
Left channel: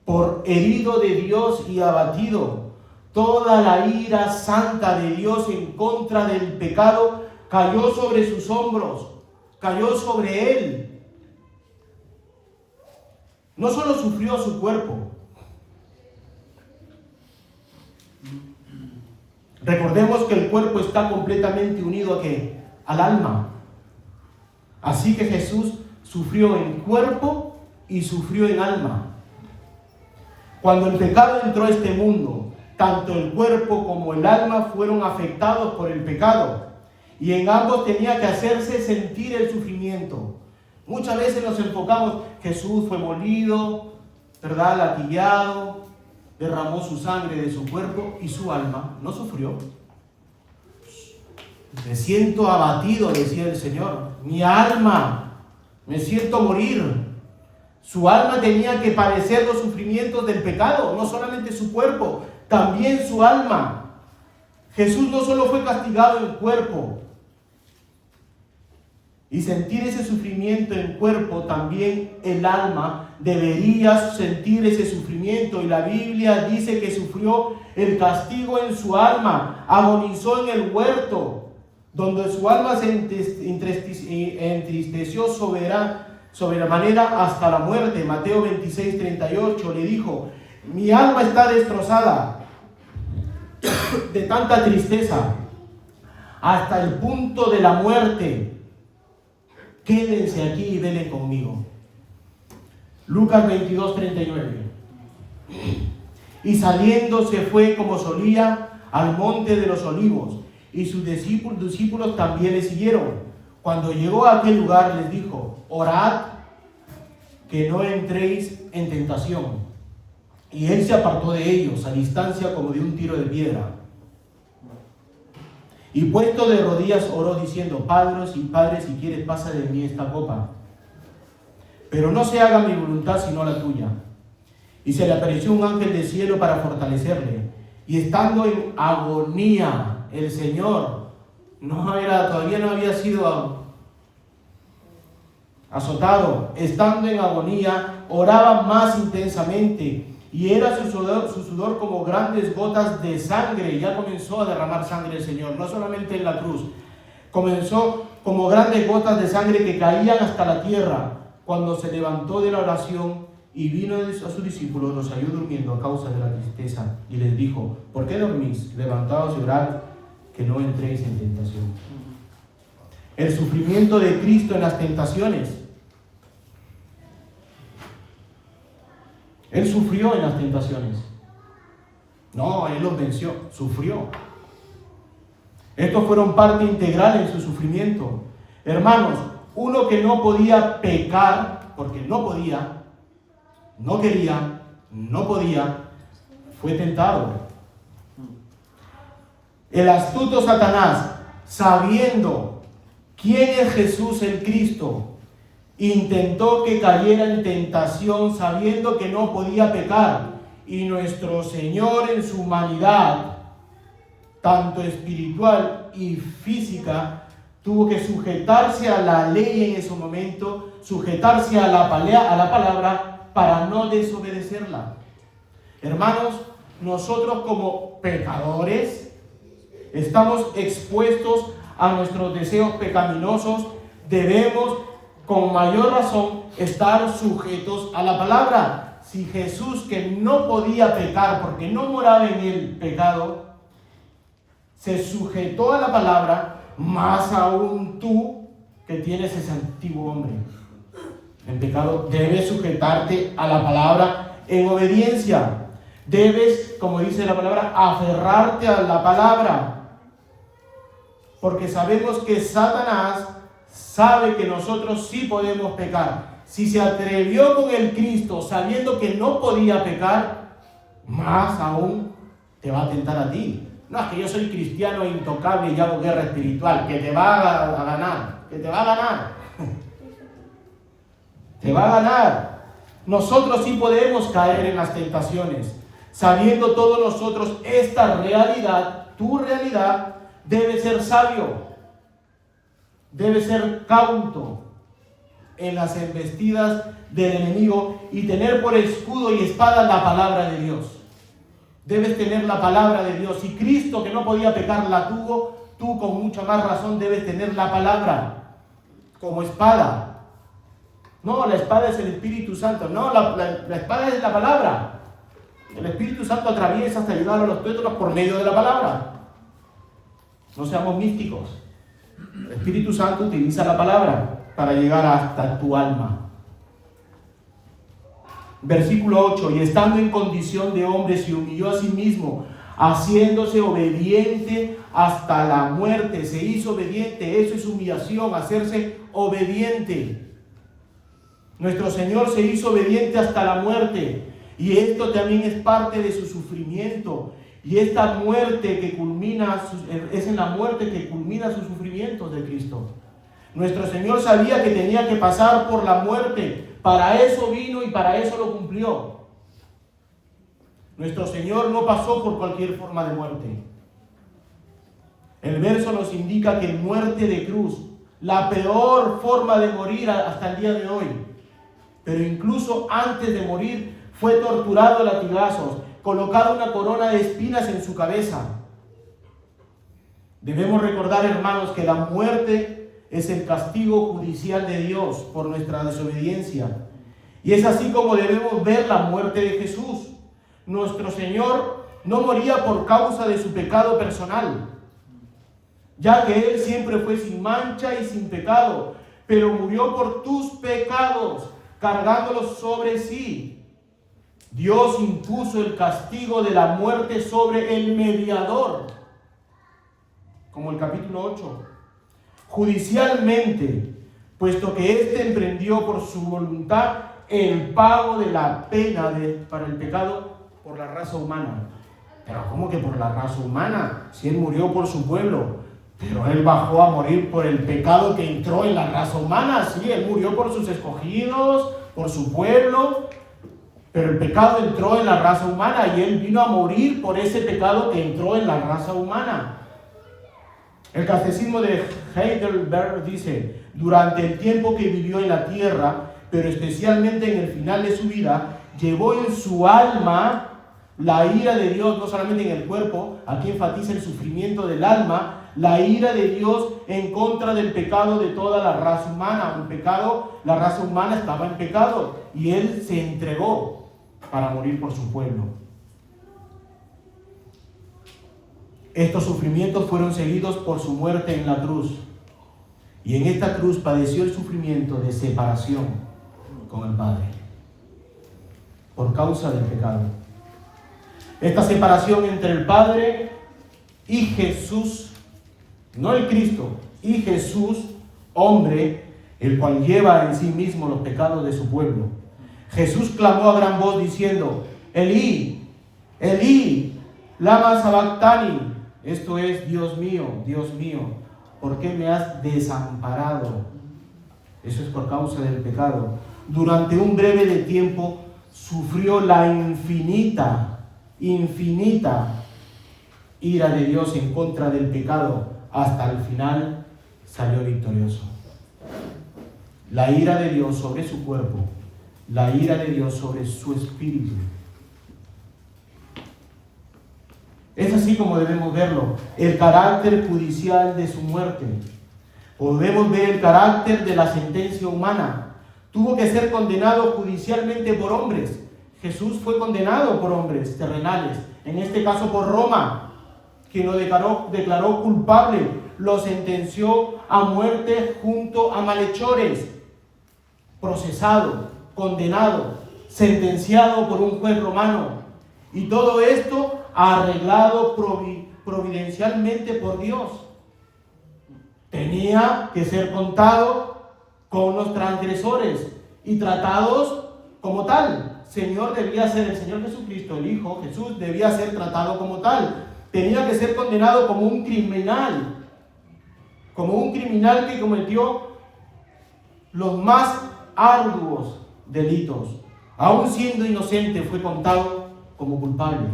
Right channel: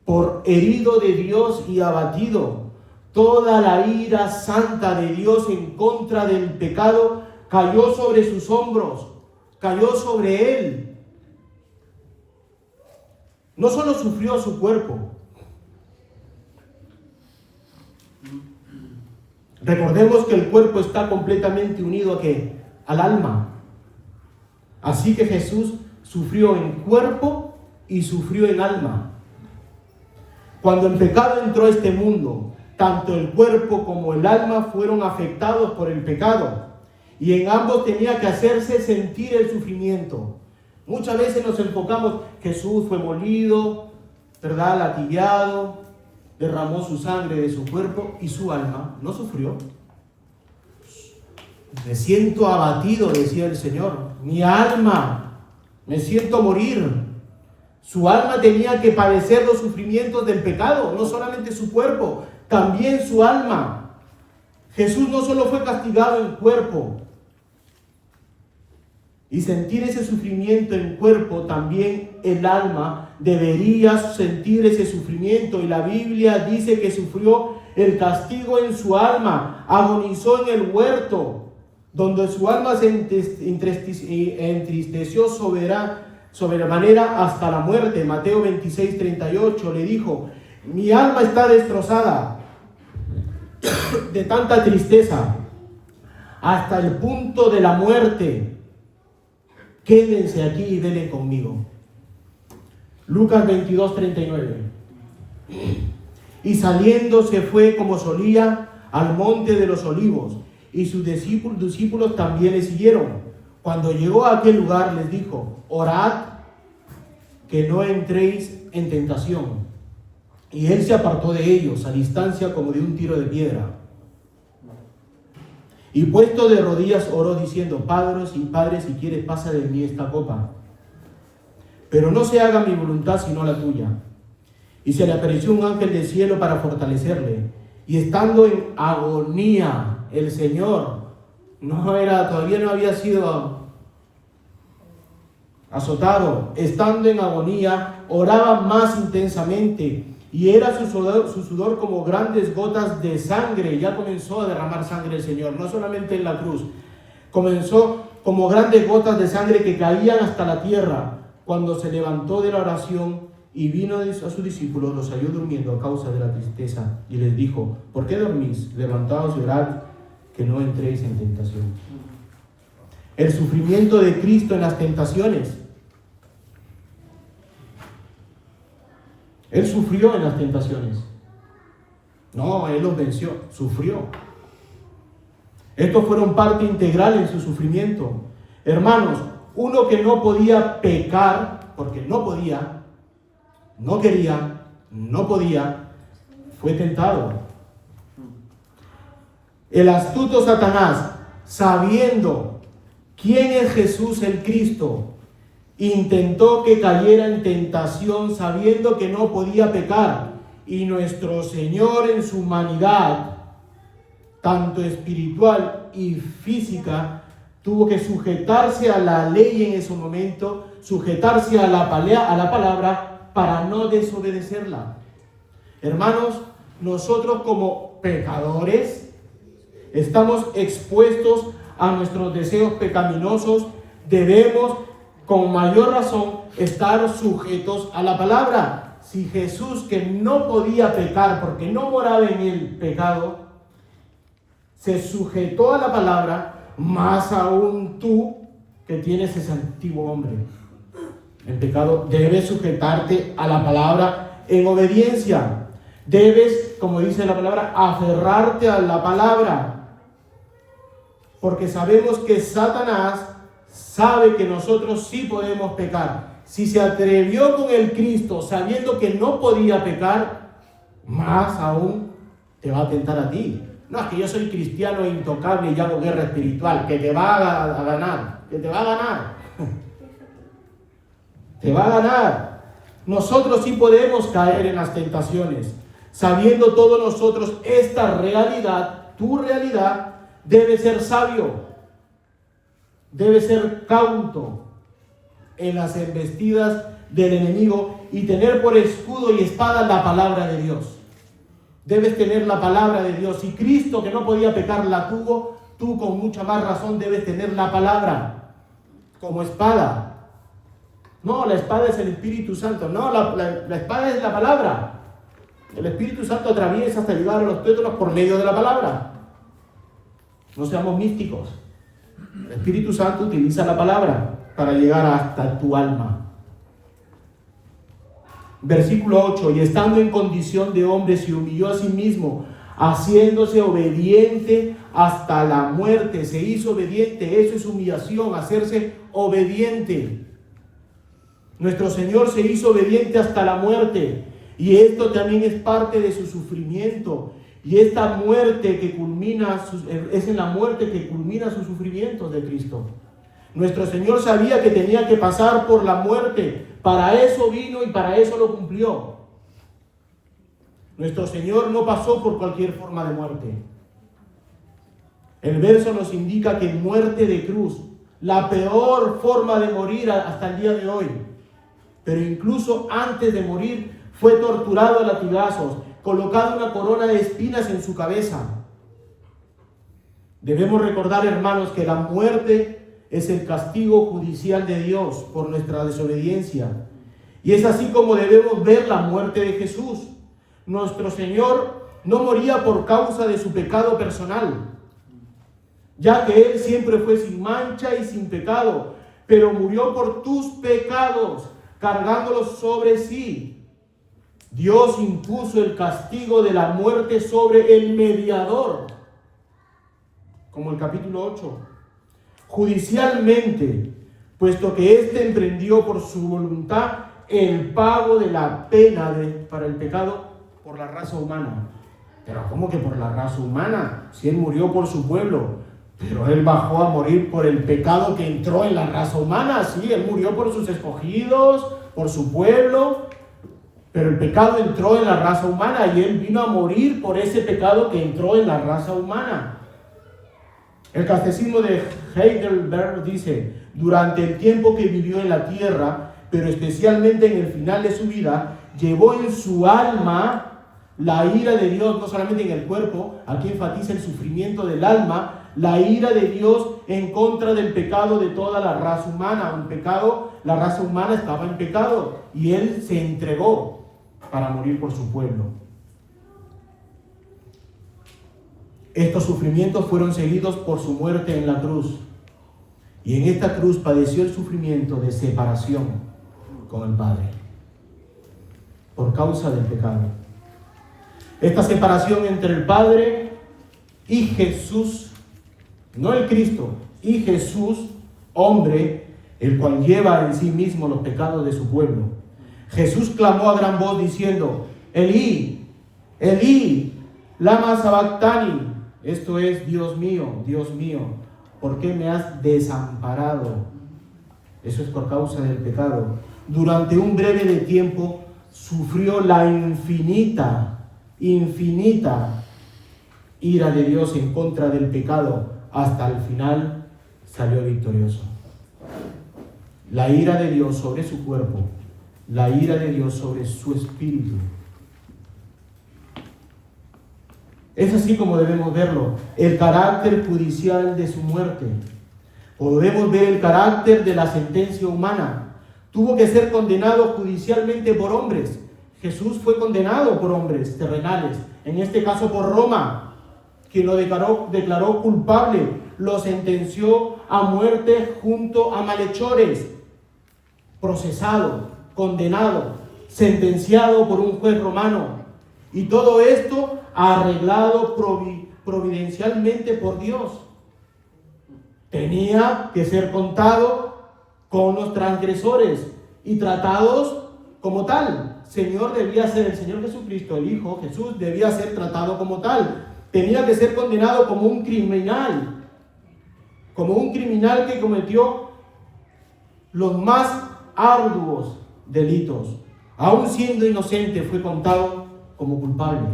por herido de Dios y abatido. Toda la ira santa de Dios en contra del pecado cayó sobre sus hombros, cayó sobre él. No solo sufrió su cuerpo. Recordemos que el cuerpo está completamente unido ¿a qué? Al alma. Así que Jesús sufrió en cuerpo y sufrió en alma. Cuando el pecado entró a este mundo, tanto el cuerpo como el alma fueron afectados por el pecado. Y en ambos tenía que hacerse sentir el sufrimiento. Muchas veces nos enfocamos, Jesús fue molido, ¿verdad? Latigueado, derramó su sangre de su cuerpo y su alma no sufrió. Me siento abatido, decía el Señor. Mi alma, me siento morir. Su alma tenía que padecer los sufrimientos del pecado, no solamente su cuerpo, también su alma. Jesús no solo fue castigado en cuerpo, y sentir ese sufrimiento en cuerpo, también el alma debería sentir ese sufrimiento. Y la Biblia dice que sufrió el castigo en su alma, agonizó en el huerto, donde su alma se entristeció sobremanera hasta la muerte. Mateo 26:38 le dijo: mi alma está destrozada de tanta tristeza hasta el punto de la muerte. Quédense aquí y velen conmigo. Lucas 22:39. Y saliendo se fue como solía al monte de los olivos, y sus discípulos también le siguieron. Cuando llegó a aquel lugar les dijo: orad que no entréis en tentación. Y él se apartó de ellos a distancia como de un tiro de piedra. Y puesto de rodillas oró diciendo: Padre, si quieres, pasa de mí esta copa. Pero no se haga mi voluntad sino la tuya. Y se le apareció un ángel del cielo para fortalecerle. Y estando en agonía, el Señor todavía no había sido azotado. Estando en agonía, oraba más intensamente. Y era su sudor como grandes gotas de sangre. Ya comenzó a derramar sangre el Señor, no solamente en la cruz. Comenzó como grandes gotas de sangre que caían hasta la tierra. Cuando se levantó de la oración y vino a sus discípulos, los halló durmiendo a causa de la tristeza. Y les dijo: ¿por qué dormís? Levantaos y orad, que no entréis en tentación. El sufrimiento de Cristo en las tentaciones. Él sufrió en las tentaciones. No, Él los venció, sufrió. Estos fueron parte integral en su sufrimiento. Hermanos, uno que no podía pecar, porque no podía, no quería, no podía, fue tentado. El astuto Satanás, sabiendo quién es Jesús el Cristo, intentó que cayera en tentación sabiendo que no podía pecar. Y nuestro Señor, en su humanidad, tanto espiritual y física, tuvo que sujetarse a la ley en ese momento, sujetarse a la palabra para no desobedecerla. Hermanos, nosotros como pecadores estamos expuestos a nuestros deseos pecaminosos. Debemos con mayor razón estar sujetos a la palabra. Si Jesús, que no podía pecar porque no moraba en el pecado, se sujetó a la palabra, más aún tú que tienes ese antiguo hombre en pecado, debes sujetarte a la palabra en obediencia. Debes, como dice la palabra, aferrarte a la palabra, porque sabemos que Satanás sabe que nosotros sí podemos pecar. Si se atrevió con el Cristo sabiendo que no podía pecar, más aún te va a tentar a ti. No es que yo soy cristiano intocable y hago guerra espiritual, que te va a ganar, que te va a ganar. Te va a ganar. Nosotros sí podemos caer en las tentaciones. Sabiendo todos nosotros esta realidad, tu realidad, debe ser sabio. Debe ser cauto. en las embestidas del enemigo y tener por escudo y espada la palabra de Dios. Debes tener la palabra de Dios. Si Cristo, que no podía pecar, la tuvo, tú con mucha más razón debes tener la palabra como espada. No, la espada es el Espíritu Santo. No, la espada es la palabra. El Espíritu Santo atraviesa hasta ayudar a los tuétanos por medio de la palabra. No seamos místicos. El Espíritu Santo utiliza la palabra para llegar hasta tu alma. Versículo 8, y estando en condición de hombre se humilló a sí mismo, haciéndose obediente hasta la muerte. Se hizo obediente, eso es humillación, hacerse obediente. Nuestro Señor se hizo obediente hasta la muerte, y esto también es parte de su sufrimiento. Y esta muerte que culmina, es en la muerte que culmina sus sufrimientos de Cristo. Nuestro Señor sabía que tenía que pasar por la muerte. Para eso vino y para eso lo cumplió. Nuestro Señor no pasó por cualquier forma de muerte. El verso nos indica que muerte de cruz, la peor forma de morir hasta el día de hoy. Pero incluso antes de morir fue torturado a latigazos, colocado una corona de espinas en su cabeza. Debemos recordar, hermanos, que la muerte es el castigo judicial de Dios por nuestra desobediencia. Y es así como debemos ver la muerte de Jesús. Nuestro Señor no moría por causa de su pecado personal, ya que Él siempre fue sin mancha y sin pecado, pero murió por tus pecados, cargándolos sobre sí. Dios impuso el castigo de la muerte sobre el mediador, como el capítulo 8. Judicialmente, puesto que éste emprendió por su voluntad el pago de la pena para el pecado por la raza humana. Pero ¿cómo que por la raza humana? Si él murió por su pueblo, pero él bajó a morir por el pecado que entró en la raza humana. Sí, él murió por sus escogidos, por su pueblo, pero el pecado entró en la raza humana y él vino a morir por ese pecado que entró en la raza humana. El catecismo de Heidelberg dice: durante el tiempo que vivió en la tierra, pero especialmente en el final de su vida, llevó en su alma la ira de Dios, no solamente en el cuerpo. Aquí enfatiza el sufrimiento del alma, la ira de Dios en contra del pecado de toda la raza humana. La raza humana estaba en pecado y él se entregó para morir por su pueblo. Estos sufrimientos fueron seguidos por su muerte en la cruz. Y en esta cruz padeció el sufrimiento de separación con el Padre por causa del pecado. Esta separación entre el Padre y Jesús, no el Cristo, y Jesús, hombre, el cual lleva en sí mismo los pecados de su pueblo. Jesús clamó a gran voz diciendo: Elí, Elí, lama sabactani. Esto es: Dios mío, ¿por qué me has desamparado? Eso es por causa del pecado. Durante un breve de tiempo sufrió la infinita ira de Dios en contra del pecado. Hasta el final salió victorioso. La ira de Dios sobre su cuerpo, la ira de Dios sobre su espíritu. Es así como debemos verlo. El carácter judicial de su muerte. Podemos ver el carácter de la sentencia humana. Tuvo que ser condenado judicialmente por hombres. Jesús fue condenado por hombres terrenales, en este caso por Roma, quien lo declaró culpable, lo sentenció a muerte junto a malhechores, procesado, condenado, sentenciado por un juez romano. Y todo esto arreglado providencialmente por Dios. Tenía que ser contado con los transgresores y tratados como tal. El Señor Jesucristo, el Hijo Jesús, debía ser tratado como tal. Tenía que ser condenado como un criminal que cometió los más arduos delitos. Aún siendo inocente, fue contado como culpable.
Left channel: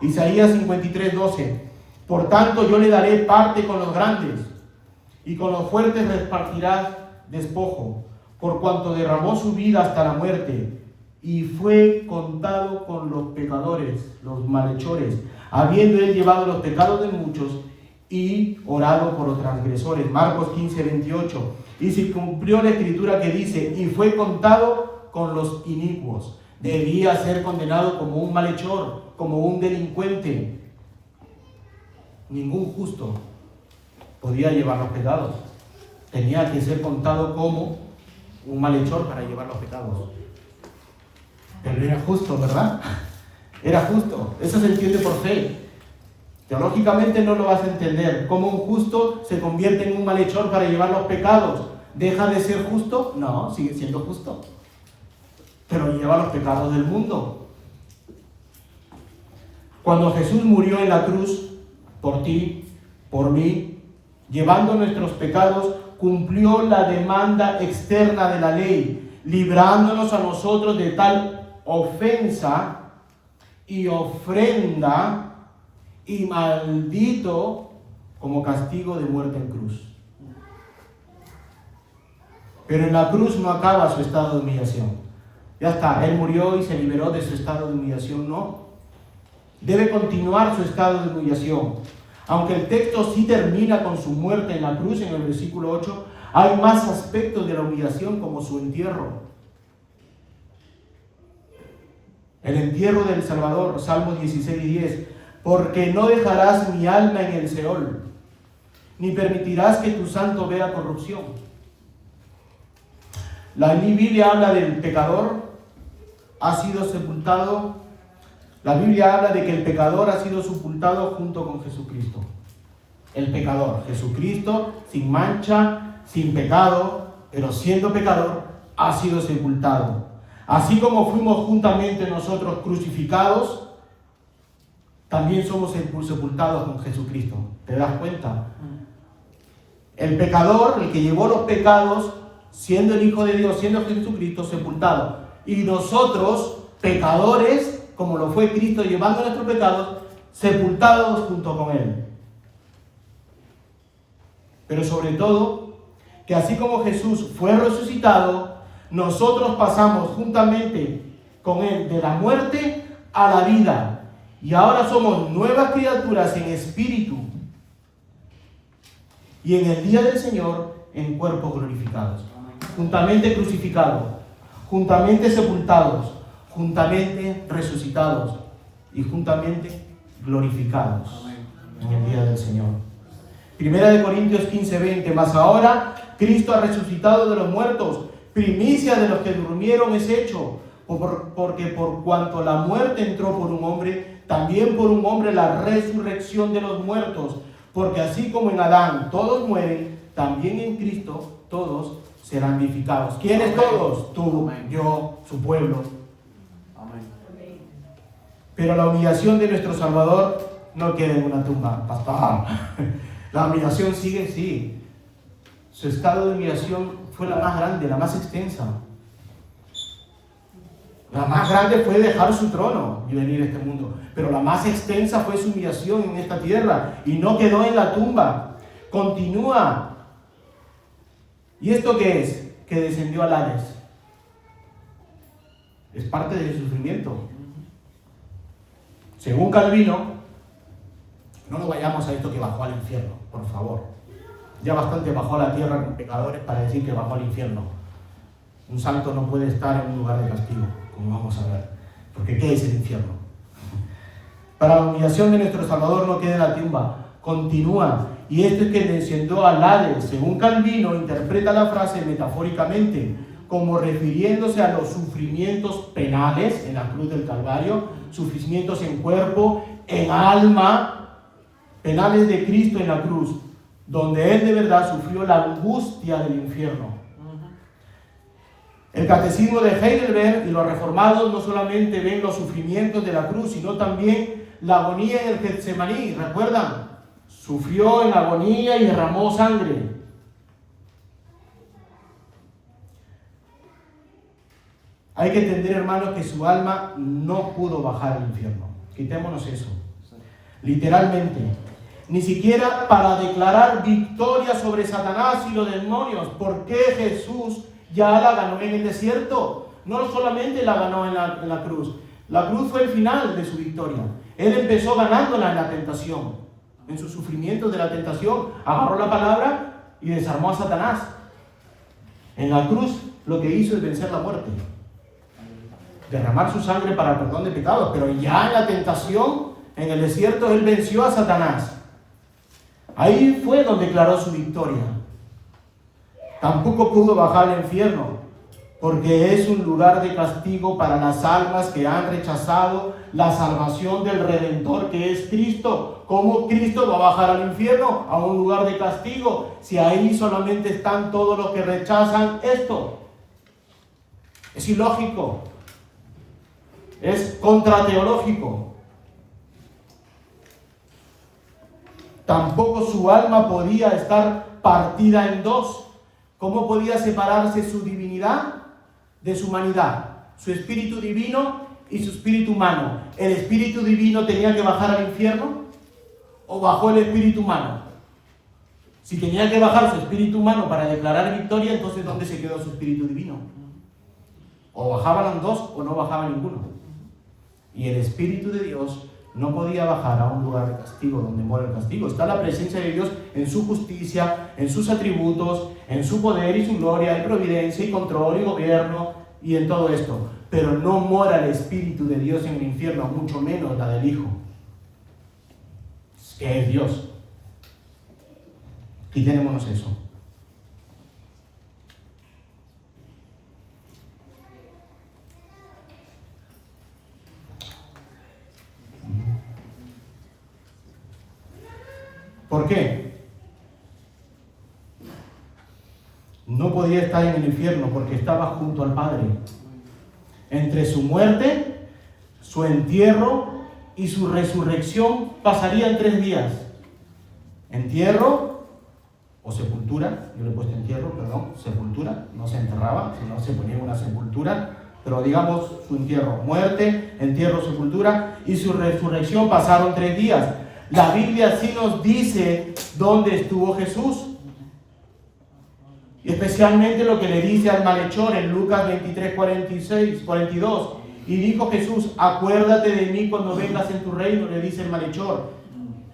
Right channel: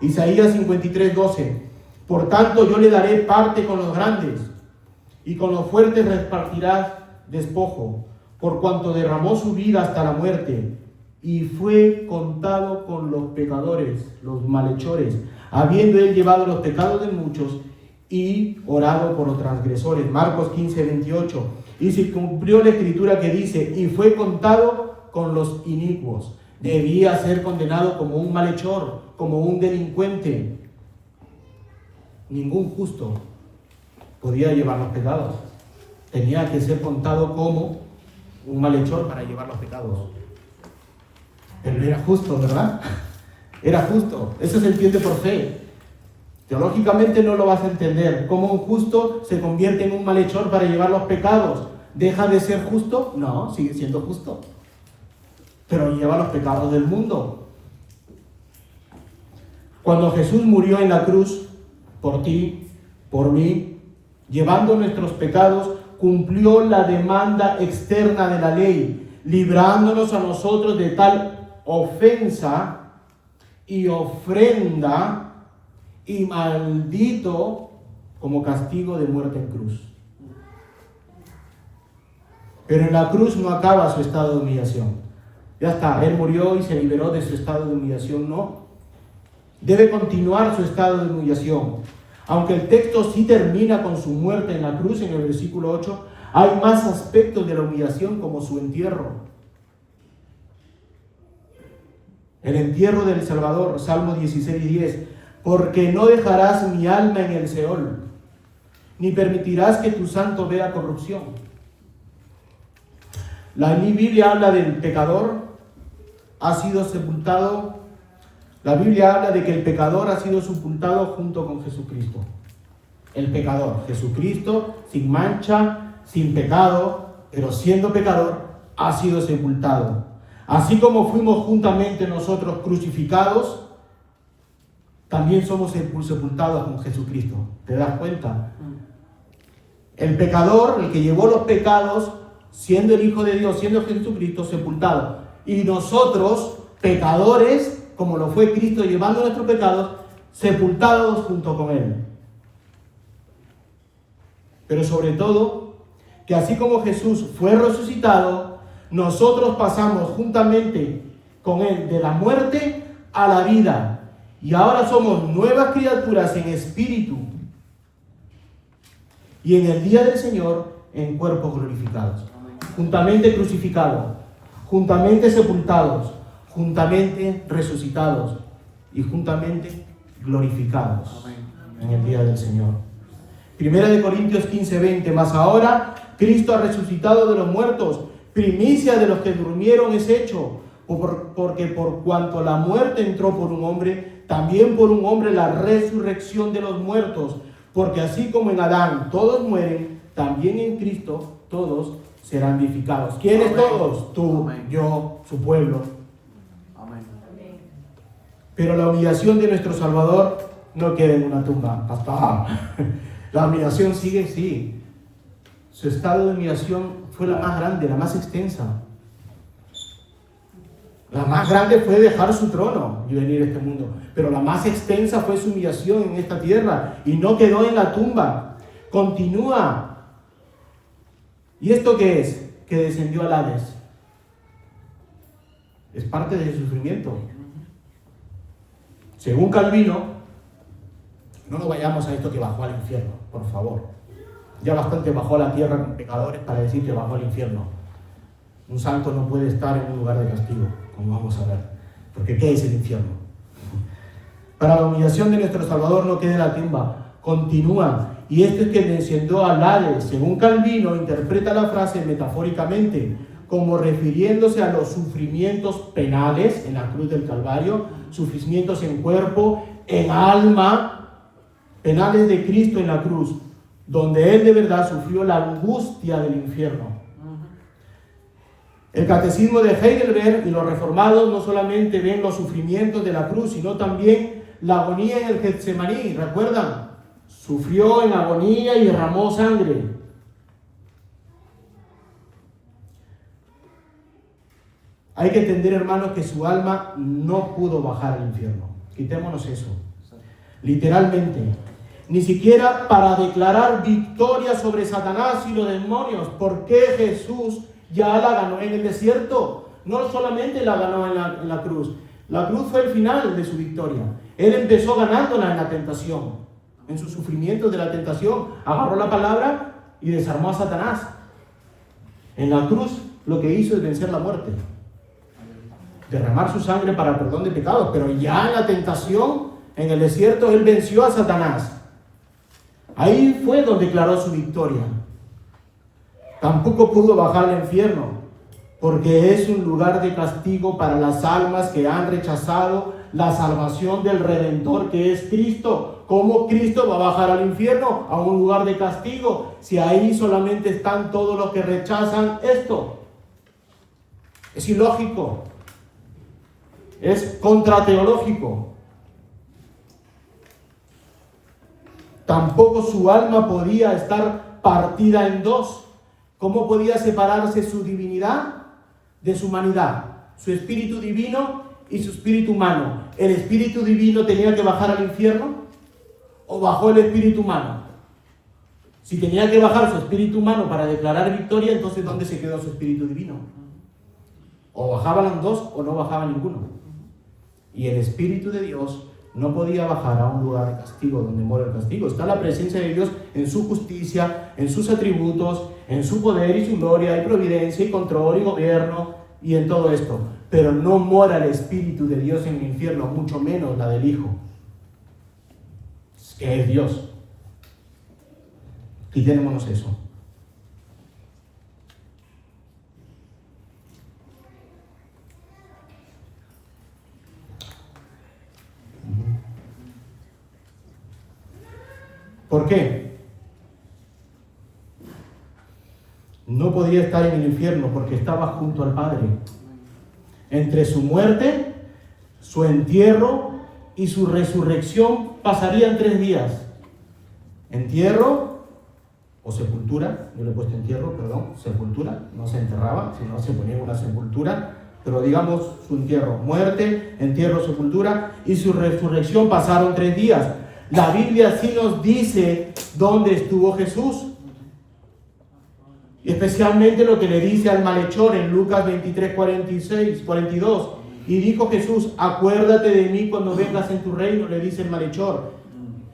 Isaías 53:12. Por tanto, yo le daré parte con los grandes, y con los fuertes repartirá despojo, por cuanto derramó su vida hasta la muerte y fue contado con los pecadores, los malhechores, habiendo él llevado los pecados de muchos y orado por los transgresores. Marcos 15:28. Y se cumplió la escritura que dice, y fue contado con los inicuos. Debía ser condenado como un malhechor, como un delincuente. Ningún justo podía llevar los pecados. Tenía que ser contado como un malhechor para llevar los pecados. Pero era justo, ¿verdad? Era justo. Eso se entiende por fe. Teológicamente no lo vas a entender. ¿Cómo un justo se convierte en un malhechor para llevar los pecados? ¿Deja de ser justo? No, sigue siendo justo. Pero lleva los pecados del mundo. Cuando Jesús murió en la cruz, por ti, por mí, llevando nuestros pecados, cumplió la demanda externa de la ley, librándonos a nosotros de tal ofensa y ofrenda y maldito como castigo de muerte en cruz. Pero en la cruz no acaba su estado de humillación. Ya está, Él murió y se liberó de su estado de humillación, no. Debe continuar su estado de humillación. Aunque el texto sí termina con su muerte en la cruz, en el versículo 8, hay más aspectos de la humillación como su entierro. El entierro del Salvador, Salmo 16:10. Porque no dejarás mi alma en el Seol, ni permitirás que tu santo vea corrupción. La Biblia habla del pecador, ha sido sepultado. La Biblia habla de que el pecador ha sido sepultado junto con Jesucristo. El pecador, Jesucristo, sin mancha, sin pecado, pero siendo pecador, ha sido sepultado. Así como fuimos juntamente nosotros crucificados, también somos sepultados con Jesucristo. ¿Te das cuenta? El pecador, el que llevó los pecados, siendo el Hijo de Dios, siendo Jesucristo, sepultado. Y nosotros, pecadores, como lo fue Cristo llevando nuestros pecados, sepultados junto con Él. Pero sobre todo, que así como Jesús fue resucitado, nosotros pasamos juntamente con Él de la muerte a la vida. Y ahora somos nuevas criaturas en espíritu. Y en el día del Señor, en cuerpos glorificados. Juntamente crucificados, juntamente sepultados, juntamente resucitados y juntamente glorificados en el día del Señor. Primera de Corintios 15:20. Mas ahora Cristo ha resucitado de los muertos, primicia de los que durmieron es hecho, porque por cuanto la muerte entró por un hombre, también por un hombre la resurrección de los muertos, porque así como en Adán todos mueren, también en Cristo todos serán vivificados. ¿Quiénes todos? Tú, yo, su pueblo. Pero la humillación de nuestro Salvador no queda en una tumba, pastor. La humillación sigue, sí. Su estado de humillación fue la más grande, la más extensa. La más grande fue dejar su trono y venir a este mundo. Pero la más extensa fue su humillación en esta tierra. Y no quedó en la tumba. Continúa. ¿Y esto qué es? Que descendió al Hades. Es parte del sufrimiento. Según Calvino, no nos vayamos a esto que bajó al infierno, por favor. Ya bastante bajó a la tierra con pecadores para decir que bajó al infierno. Un santo no puede estar en un lugar de castigo, como vamos a ver. Porque ¿qué es el infierno? Para la humillación de nuestro Salvador no queda la tumba, continúa. Y esto es que descendió al Hades. Según Calvino, interpreta la frase metafóricamente, como refiriéndose a los sufrimientos penales en la cruz del Calvario, sufrimientos en cuerpo, en alma, penales de Cristo en la cruz, donde Él de verdad sufrió la angustia del infierno. El catecismo de Heidelberg y los reformados no solamente ven los sufrimientos de la cruz, sino también la agonía en el Getsemaní. ¿Recuerdan? Sufrió en agonía y derramó sangre. Hay que entender, hermanos, que su alma no pudo bajar al infierno. Quitémonos eso. Literalmente. Ni siquiera para declarar victoria sobre Satanás y los demonios. ¿Por qué Jesús ya la ganó en el desierto. No solamente la ganó en la cruz. La cruz fue el final de su victoria. Él empezó ganándola en la tentación, en sus sufrimientos de la tentación. Agarró la palabra y desarmó a Satanás. En la cruz lo que hizo es vencer la muerte, derramar su sangre para el perdón de pecados. Pero ya en la tentación, en el desierto, él venció a Satanás. Ahí fue donde declaró su victoria. Tampoco pudo bajar al infierno, porque es un lugar de castigo para las almas que han rechazado la salvación del Redentor, que es Cristo. ¿Cómo Cristo va a bajar al infierno, a un lugar de castigo, si ahí solamente están todos los que rechazan esto? Es ilógico, es contrateológico. Tampoco su alma podía estar partida en dos. ¿Cómo podía separarse su divinidad de su humanidad? Su espíritu divino y su espíritu humano. ¿El espíritu divino tenía que bajar al infierno o bajó el espíritu humano? Si tenía que bajar su espíritu humano para declarar victoria, entonces ¿dónde se quedó su espíritu divino? O bajaban los dos o no bajaba ninguno. Y el espíritu de Dios no podía bajar a un lugar de castigo, donde mora el castigo. Está la presencia de Dios en su justicia, en sus atributos, en su poder y su gloria, y providencia, y control, y gobierno, y en todo esto. Pero no mora el Espíritu de Dios en el infierno, mucho menos la del Hijo, que es Dios. Quitémonos eso. ¿Por qué? No podía estar en el infierno porque estaba junto al Padre. Entre su muerte, su entierro y su resurrección pasarían 3 días. Entierro o sepultura, yo le he puesto entierro, perdón, sepultura, no se enterraba, sino se ponía una sepultura, pero digamos su entierro, muerte, entierro, sepultura y su resurrección pasaron 3 días. La Biblia sí nos dice dónde estuvo Jesús. Y especialmente lo que le dice al malhechor en Lucas 23, 42. Y dijo Jesús, acuérdate de mí cuando vengas en tu reino, le dice el malhechor.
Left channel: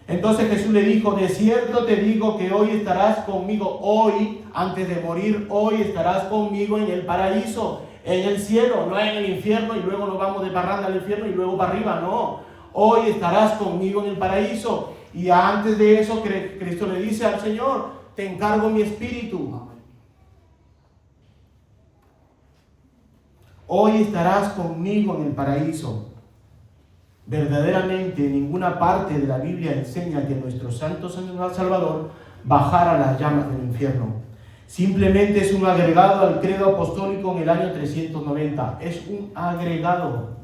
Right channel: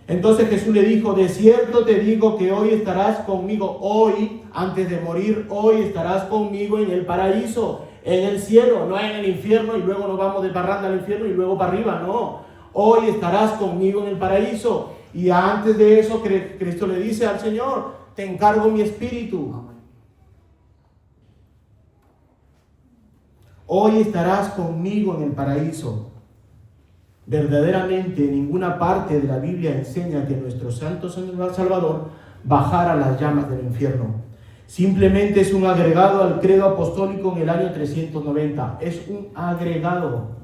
Entonces Jesús le dijo, de cierto te digo que hoy estarás conmigo, hoy, antes de morir, hoy estarás conmigo en el paraíso, en el cielo, no en el infierno y luego nos vamos de parranda al infierno y luego para arriba, no. Hoy estarás conmigo en el paraíso. Y antes de eso, Cristo le dice al Señor, te encargo mi espíritu. Hoy estarás conmigo en el paraíso. Verdaderamente, ninguna parte de la Biblia enseña que nuestro Santo Salvador bajara a las llamas del infierno. Simplemente es un agregado al credo apostólico en el año 390. Es un agregado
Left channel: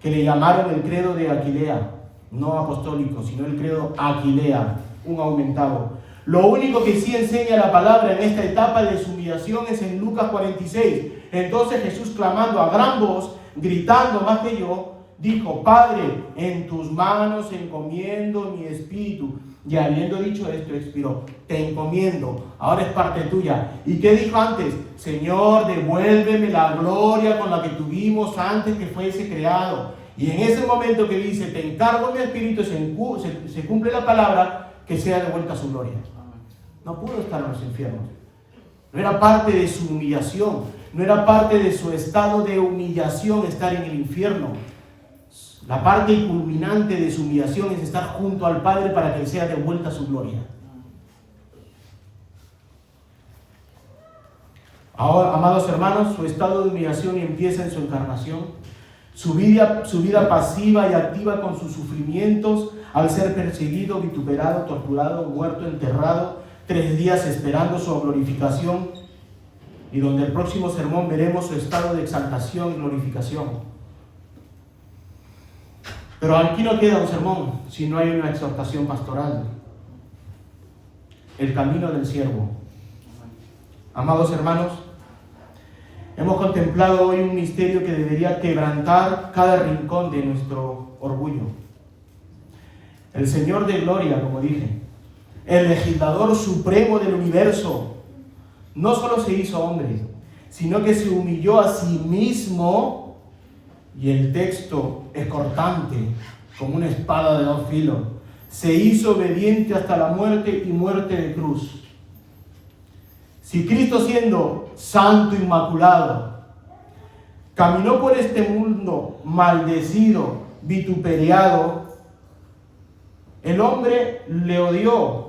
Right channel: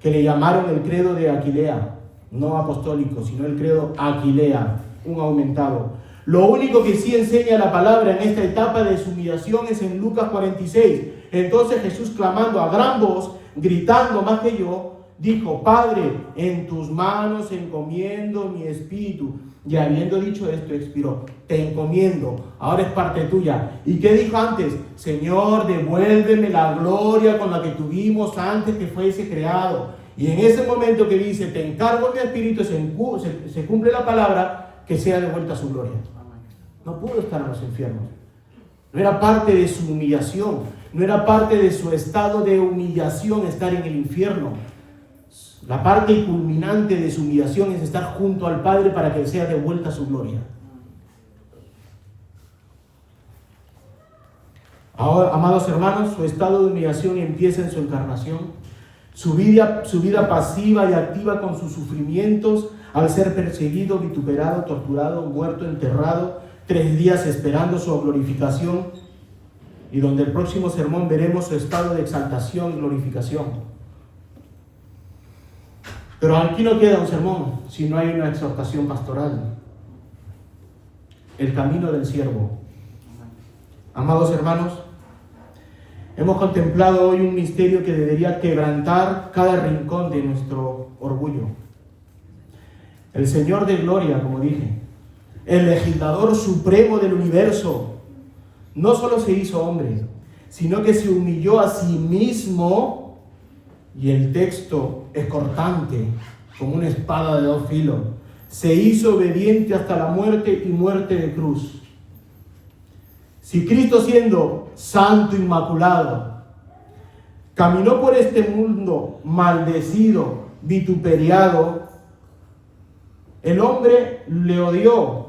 que le llamaron el credo de Aquilea, no apostólico, sino el credo Aquilea, un aumentado. Lo único que sí enseña la palabra en esta etapa de su humillación es en Lucas 46. Entonces Jesús, clamando a gran voz, gritando más que yo, dijo, Padre, en tus manos encomiendo mi espíritu. Y habiendo dicho esto, expiró. Te encomiendo, ahora es parte tuya. ¿Y qué dijo antes? Señor, devuélveme la gloria con la que tuvimos antes que fuese creado. Y en ese momento que dice, te encargo mi espíritu, se cumple la palabra, que sea devuelta su gloria. No pudo estar en los infiernos. No era parte de su humillación. No era parte de su estado de humillación estar en el infierno. La parte culminante de su humillación es estar junto al Padre para que sea devuelta su gloria. Ahora, amados hermanos, su estado de humillación empieza en su encarnación. Su vida pasiva y activa con sus sufrimientos al ser perseguido, vituperado, torturado, muerto, enterrado, 3 días esperando su glorificación, y donde el próximo sermón veremos su estado de exaltación y glorificación. Pero aquí no queda un sermón si no hay una exhortación pastoral. El camino del siervo. Amados hermanos, hemos contemplado hoy un misterio que debería quebrantar cada rincón de nuestro orgullo. El Señor de gloria, como dije, el legislador supremo del universo, no solo se hizo hombre, sino que se humilló a sí mismo, y el texto es cortante, como una espada de dos filos. Se hizo obediente hasta la muerte y muerte de cruz. Si Cristo, siendo santo, inmaculado, caminó por este mundo maldecido, vituperiado, el hombre le odió.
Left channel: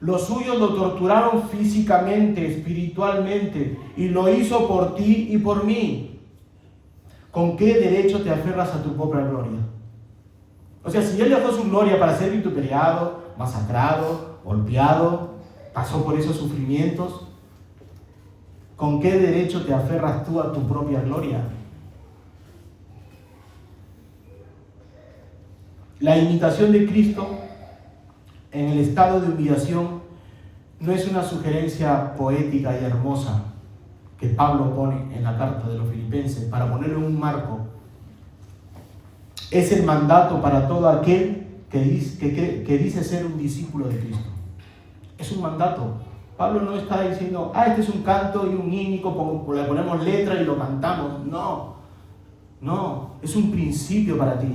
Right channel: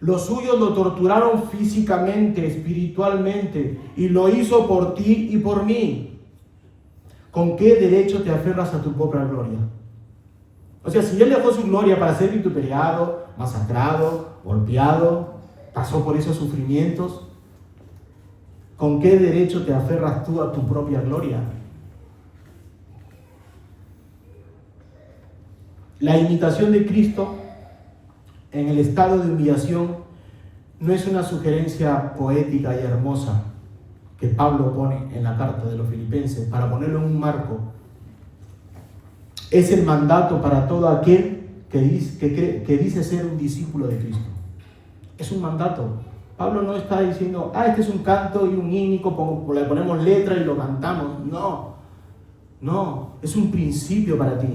Los suyos lo torturaron físicamente, espiritualmente, y lo hizo por ti y por mí. ¿Con qué derecho te aferras a tu propia gloria? O sea, si Él dejó su gloria para ser vituperiado, masacrado, golpeado, pasó por esos sufrimientos, ¿con qué derecho te aferras tú a tu propia gloria? La imitación de Cristo en el estado de humillación no es una sugerencia poética y hermosa que Pablo pone en la carta de los Filipenses para ponerlo en un marco. Es el mandato para todo aquel que dice ser un discípulo de Cristo. Es un mandato. Pablo no está diciendo, este es un canto y un hínico, le ponemos letra y lo cantamos. No, es un principio para ti.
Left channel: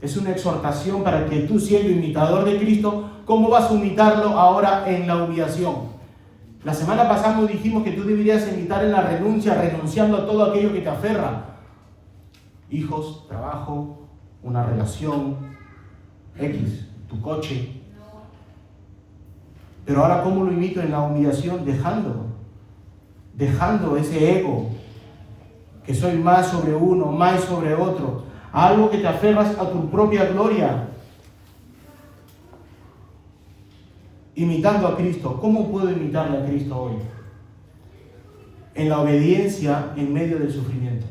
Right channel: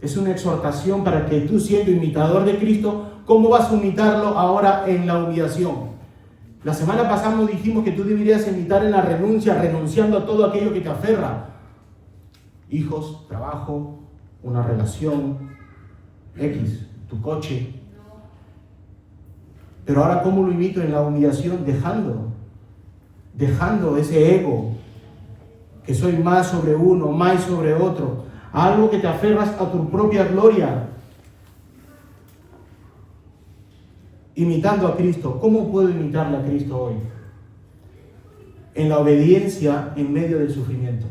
Es una exhortación para que tú, siendo imitador de Cristo, ¿cómo vas a imitarlo ahora en la humillación? La semana pasada nos dijimos que tú deberías imitar en la renuncia, renunciando a todo aquello que te aferra. Hijos, trabajo, una relación, X, tu coche. Pero ahora, ¿cómo lo imito en la humillación? Dejando ese ego, que soy más sobre uno, más sobre otro, a algo que te aferras a tu propia gloria. Imitando a Cristo. ¿Cómo puedo imitarle a Cristo hoy? En la obediencia en medio del sufrimiento.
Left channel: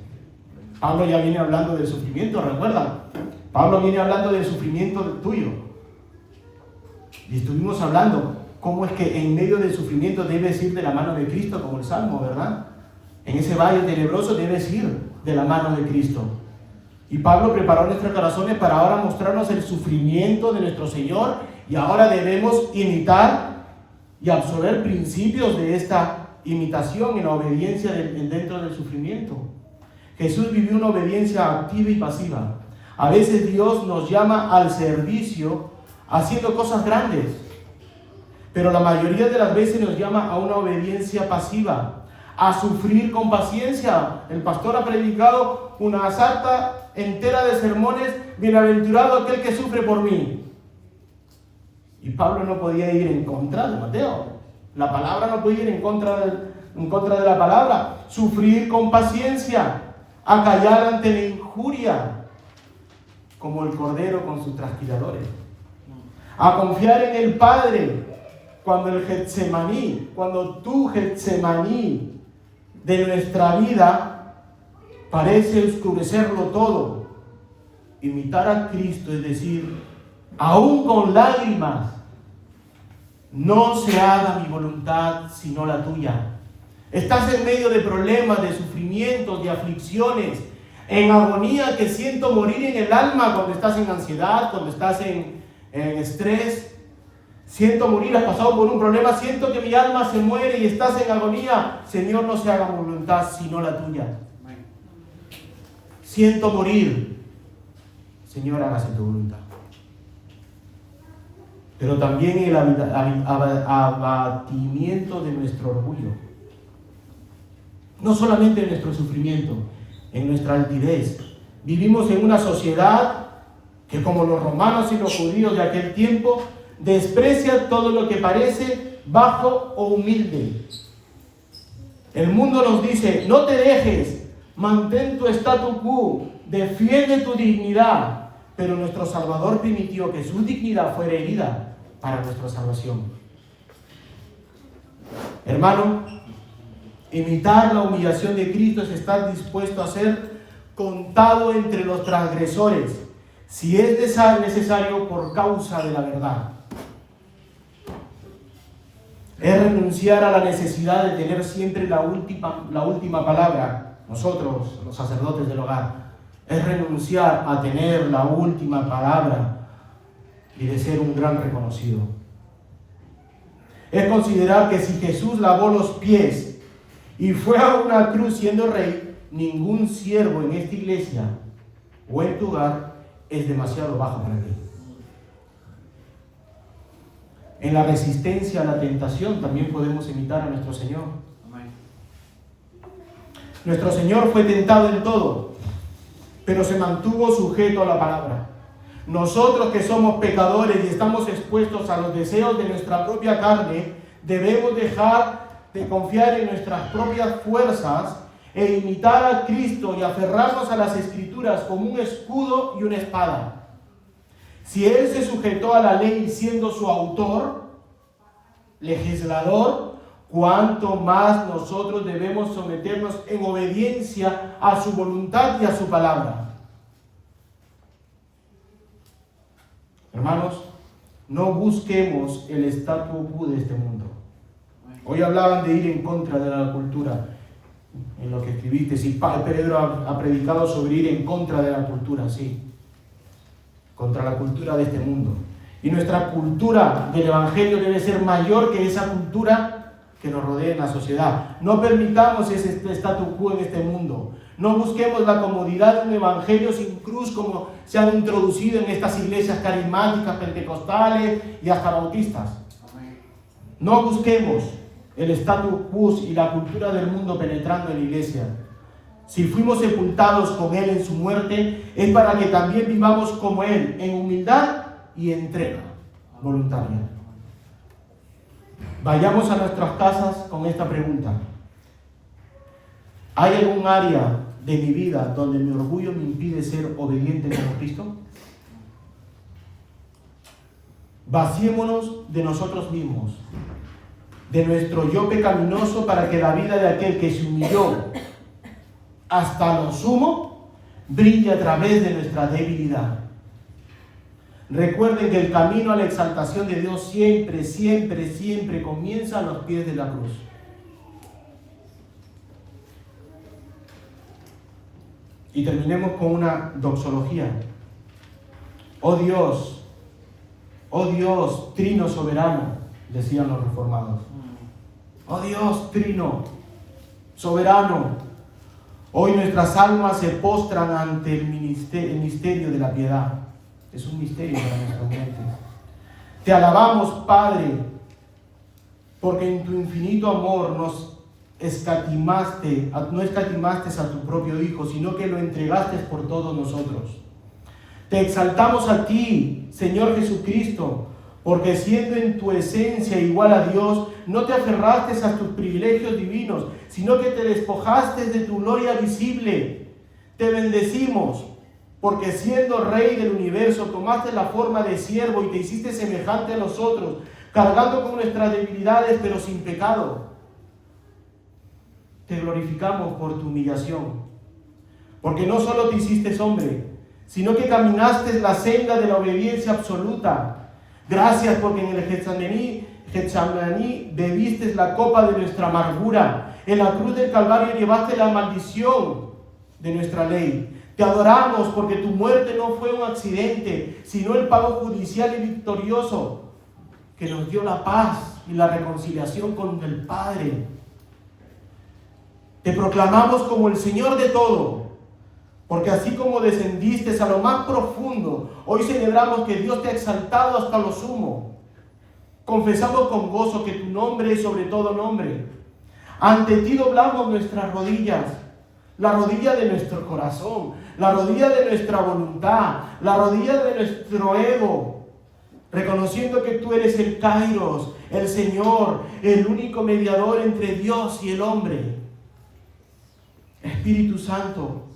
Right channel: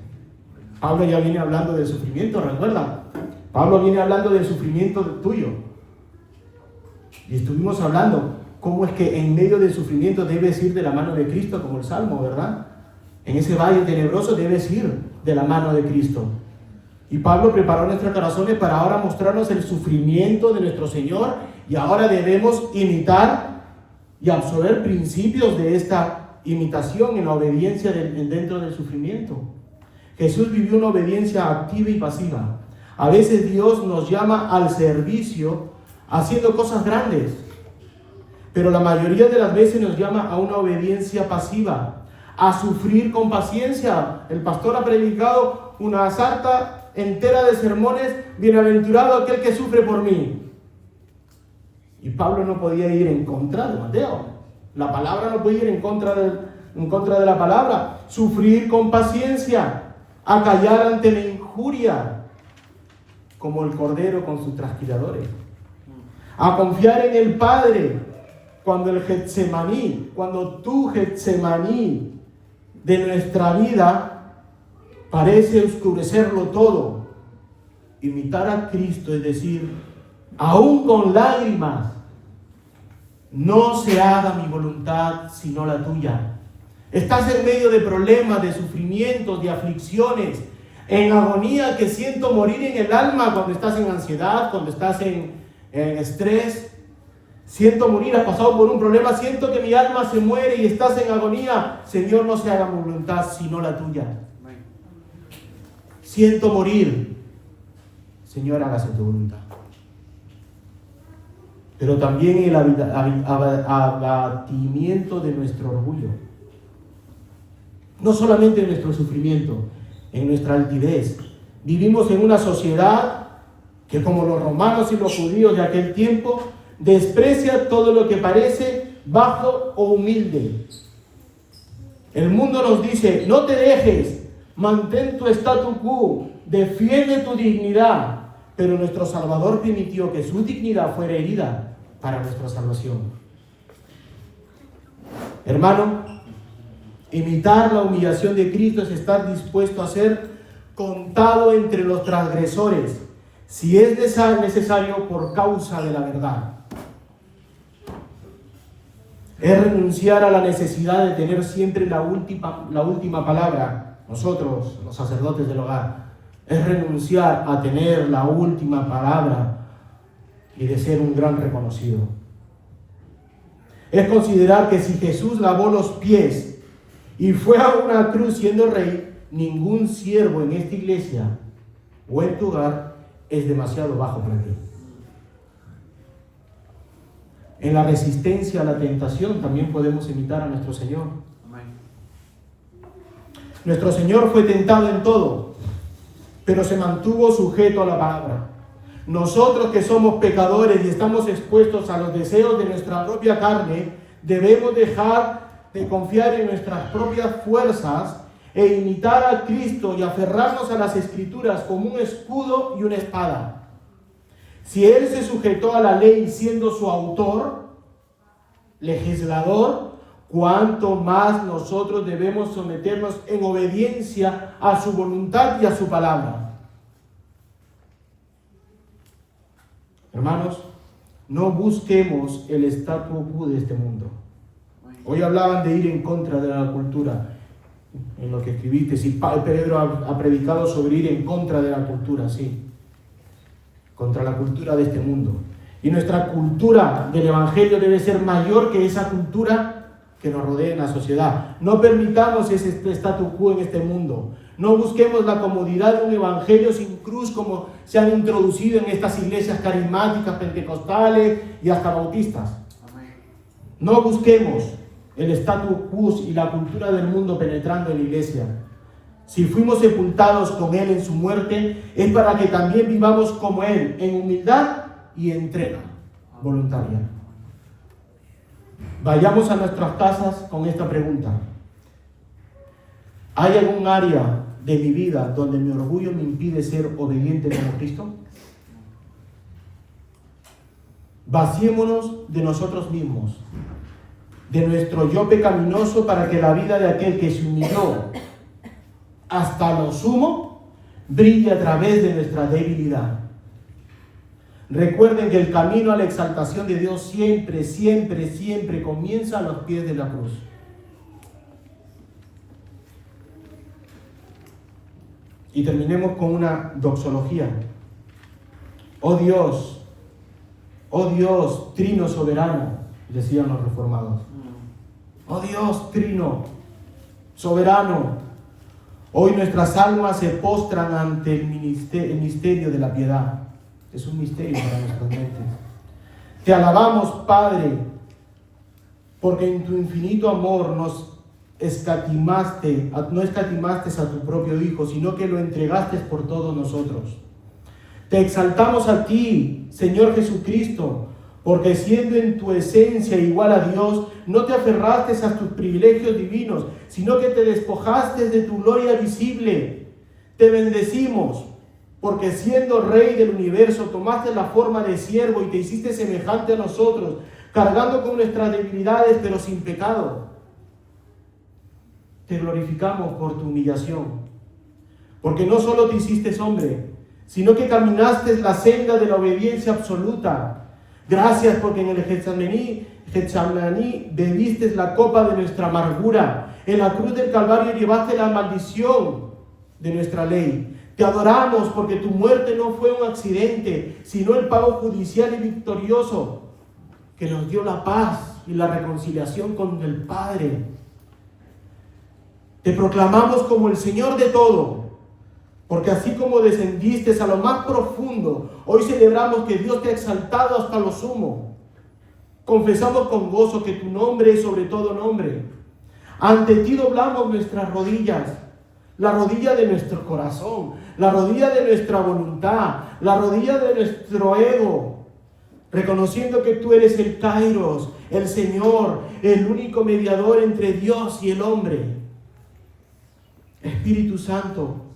Pablo ya viene hablando del sufrimiento, ¿recuerda? Pablo viene hablando del sufrimiento tuyo. Y estuvimos hablando cómo es que en medio del sufrimiento debes ir de la mano de Cristo, como el Salmo, ¿verdad? En ese valle tenebroso debes ir de la mano de Cristo. Y Pablo preparó nuestros corazones para ahora mostrarnos el sufrimiento de nuestro Señor, y ahora debemos imitar y absorber principios de esta imitación en la obediencia dentro del sufrimiento. Jesús vivió una obediencia activa y pasiva. A veces Dios nos llama al servicio haciendo cosas grandes, pero la mayoría de las veces nos llama a una obediencia pasiva, a sufrir con paciencia. El pastor ha predicado una sarta entera de sermones: bienaventurado aquel que sufre por mí. Y Pablo no podía ir en contra de Mateo. La palabra no podía ir en contra de la palabra. Sufrir con paciencia, acallar ante la injuria, como el cordero con sus trasquiladores. A confiar en el Padre cuando tu Getsemaní de nuestra vida parece oscurecerlo todo. Imitar a Cristo es decir, aún con lágrimas, no se haga mi voluntad sino la tuya. Estás en medio de problemas, de sufrimientos, de aflicciones, en agonía, que siento morir en el alma cuando estás en ansiedad, cuando estás en estrés. Siento morir, has pasado por un problema, siento que mi alma se muere y estás en agonía. Señor, no se haga mi voluntad sino la tuya. Siento morir. Señor, hágase tu voluntad. Pero también el abatimiento de nuestro orgullo. No solamente en nuestro sufrimiento, en nuestra altivez. Vivimos en una sociedad que, como los romanos y los judíos de aquel tiempo, desprecia todo lo que parece bajo o humilde. El mundo nos dice: no te dejes, mantén tu statu quo, defiende tu dignidad. Pero nuestro Salvador permitió que su dignidad fuera herida para nuestra salvación. Hermano, imitar la humillación de Cristo es estar dispuesto a ser contado entre los transgresores, si es necesario, por causa de la verdad. Es renunciar a la necesidad de tener siempre la última palabra. Nosotros, los sacerdotes del hogar, es renunciar a tener la última palabra y de ser un gran reconocido. es considerar que si Jesús lavó los pies y fue a una cruz siendo rey, ningún siervo en esta iglesia o en tu hogar es demasiado bajo para ti. En la resistencia a la tentación también podemos imitar a nuestro Señor. Nuestro Señor fue tentado en todo, pero se mantuvo sujeto a la palabra. Nosotros que somos pecadores y estamos expuestos a los deseos de nuestra propia carne, debemos dejar de confiar en nuestras propias fuerzas e imitar a Cristo y aferrarnos a las Escrituras como un escudo y una espada. Si Él se sujetó a la ley siendo su autor, legislador, cuánto más nosotros debemos someternos en obediencia a su voluntad y a su palabra. Hermanos, no busquemos el statu quo de este mundo. Hoy hablaban de ir en contra de la cultura, en lo que escribiste. Si Pedro ha predicado sobre ir en contra de la cultura, sí, contra la cultura de este mundo. Y nuestra cultura del Evangelio debe ser mayor que esa cultura que nos rodea en la sociedad. No permitamos ese statu quo en este mundo. No busquemos la comodidad de un evangelio sin cruz como se han introducido en estas iglesias carismáticas, pentecostales y hasta bautistas. No busquemos el statu quo y la cultura del mundo penetrando en la iglesia. Si fuimos sepultados con Él en su muerte, es para que también vivamos como Él, en humildad y entrega voluntaria. Vayamos a nuestras casas con esta pregunta. ¿Hay algún área de mi vida donde mi orgullo me impide ser obediente como Cristo? Vaciémonos de nosotros mismos, de nuestro yo pecaminoso, para que la vida de aquel que se humilló hasta lo sumo brille a través de nuestra debilidad. Recuerden que el camino a la exaltación de Dios siempre, siempre, siempre comienza a los pies de la cruz. Y terminemos con una doxología. Oh Dios, Trino soberano, decían los reformados. Oh Dios, Trino soberano. Hoy nuestras almas se postran ante el misterio de la piedad. Es un misterio para nuestras mentes. Te alabamos, Padre, porque en tu infinito amor no escatimaste a tu propio Hijo, sino que lo entregaste por todos nosotros. Te exaltamos a ti, Señor Jesucristo, porque siendo en tu esencia igual a Dios, no te aferraste a tus privilegios divinos, sino que te despojaste de tu gloria visible. Te bendecimos, porque siendo Rey del universo, tomaste la forma de siervo y te hiciste semejante a nosotros, cargando con nuestras debilidades, pero sin pecado. Te glorificamos por tu humillación, porque no solo te hiciste hombre, sino que caminaste la senda de la obediencia absoluta. Gracias porque en el Getsemaní bebiste la copa de nuestra amargura. En la cruz del Calvario llevaste la maldición de nuestra ley. Te adoramos porque tu muerte no fue un accidente, sino el pago judicial y victorioso que nos dio la paz y la reconciliación con el Padre. Te proclamamos como el Señor de todo, porque así como descendiste a lo más profundo, hoy celebramos que Dios te ha exaltado hasta lo sumo. Confesamos con gozo que tu nombre es sobre todo nombre. Ante ti doblamos nuestras rodillas, la rodilla de nuestro corazón, la rodilla de nuestra voluntad, la rodilla de nuestro ego, reconociendo que tú eres el Kairos, el Señor, el único mediador entre Dios y el hombre. Espíritu Santo,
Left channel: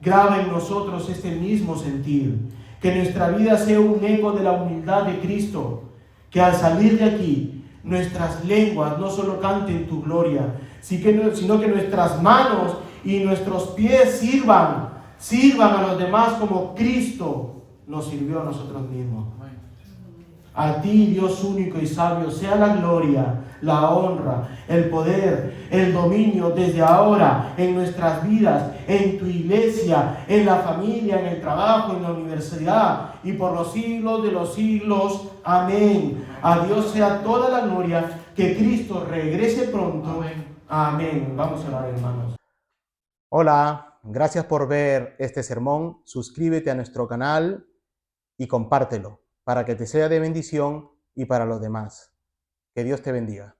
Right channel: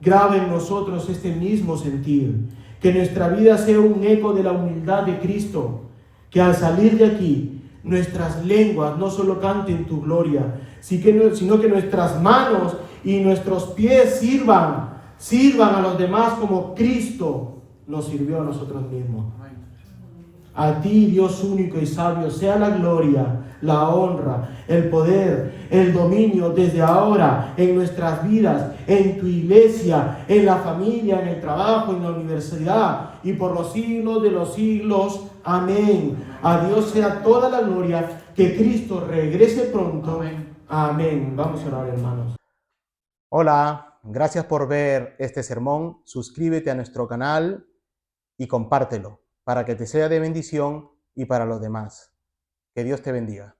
graba en nosotros este mismo sentir, que nuestra vida sea un eco de la humildad de Cristo, que al salir de aquí, nuestras lenguas no solo canten tu gloria, sino que nuestras manos y nuestros pies sirvan a los demás como Cristo nos sirvió a nosotros mismos. A ti, Dios único y sabio, sea la gloria, la honra, el poder, el dominio desde ahora en nuestras vidas, en tu iglesia, en la familia, en el trabajo, en la universidad y por los siglos de los siglos. Amén. A Dios sea toda la gloria. Que Cristo regrese pronto. Amén. Amén. Vamos a orar, hermanos. Hola, gracias por ver este sermón. Suscríbete a nuestro canal y compártelo para que te sea de bendición y para los demás. Que Dios te bendiga.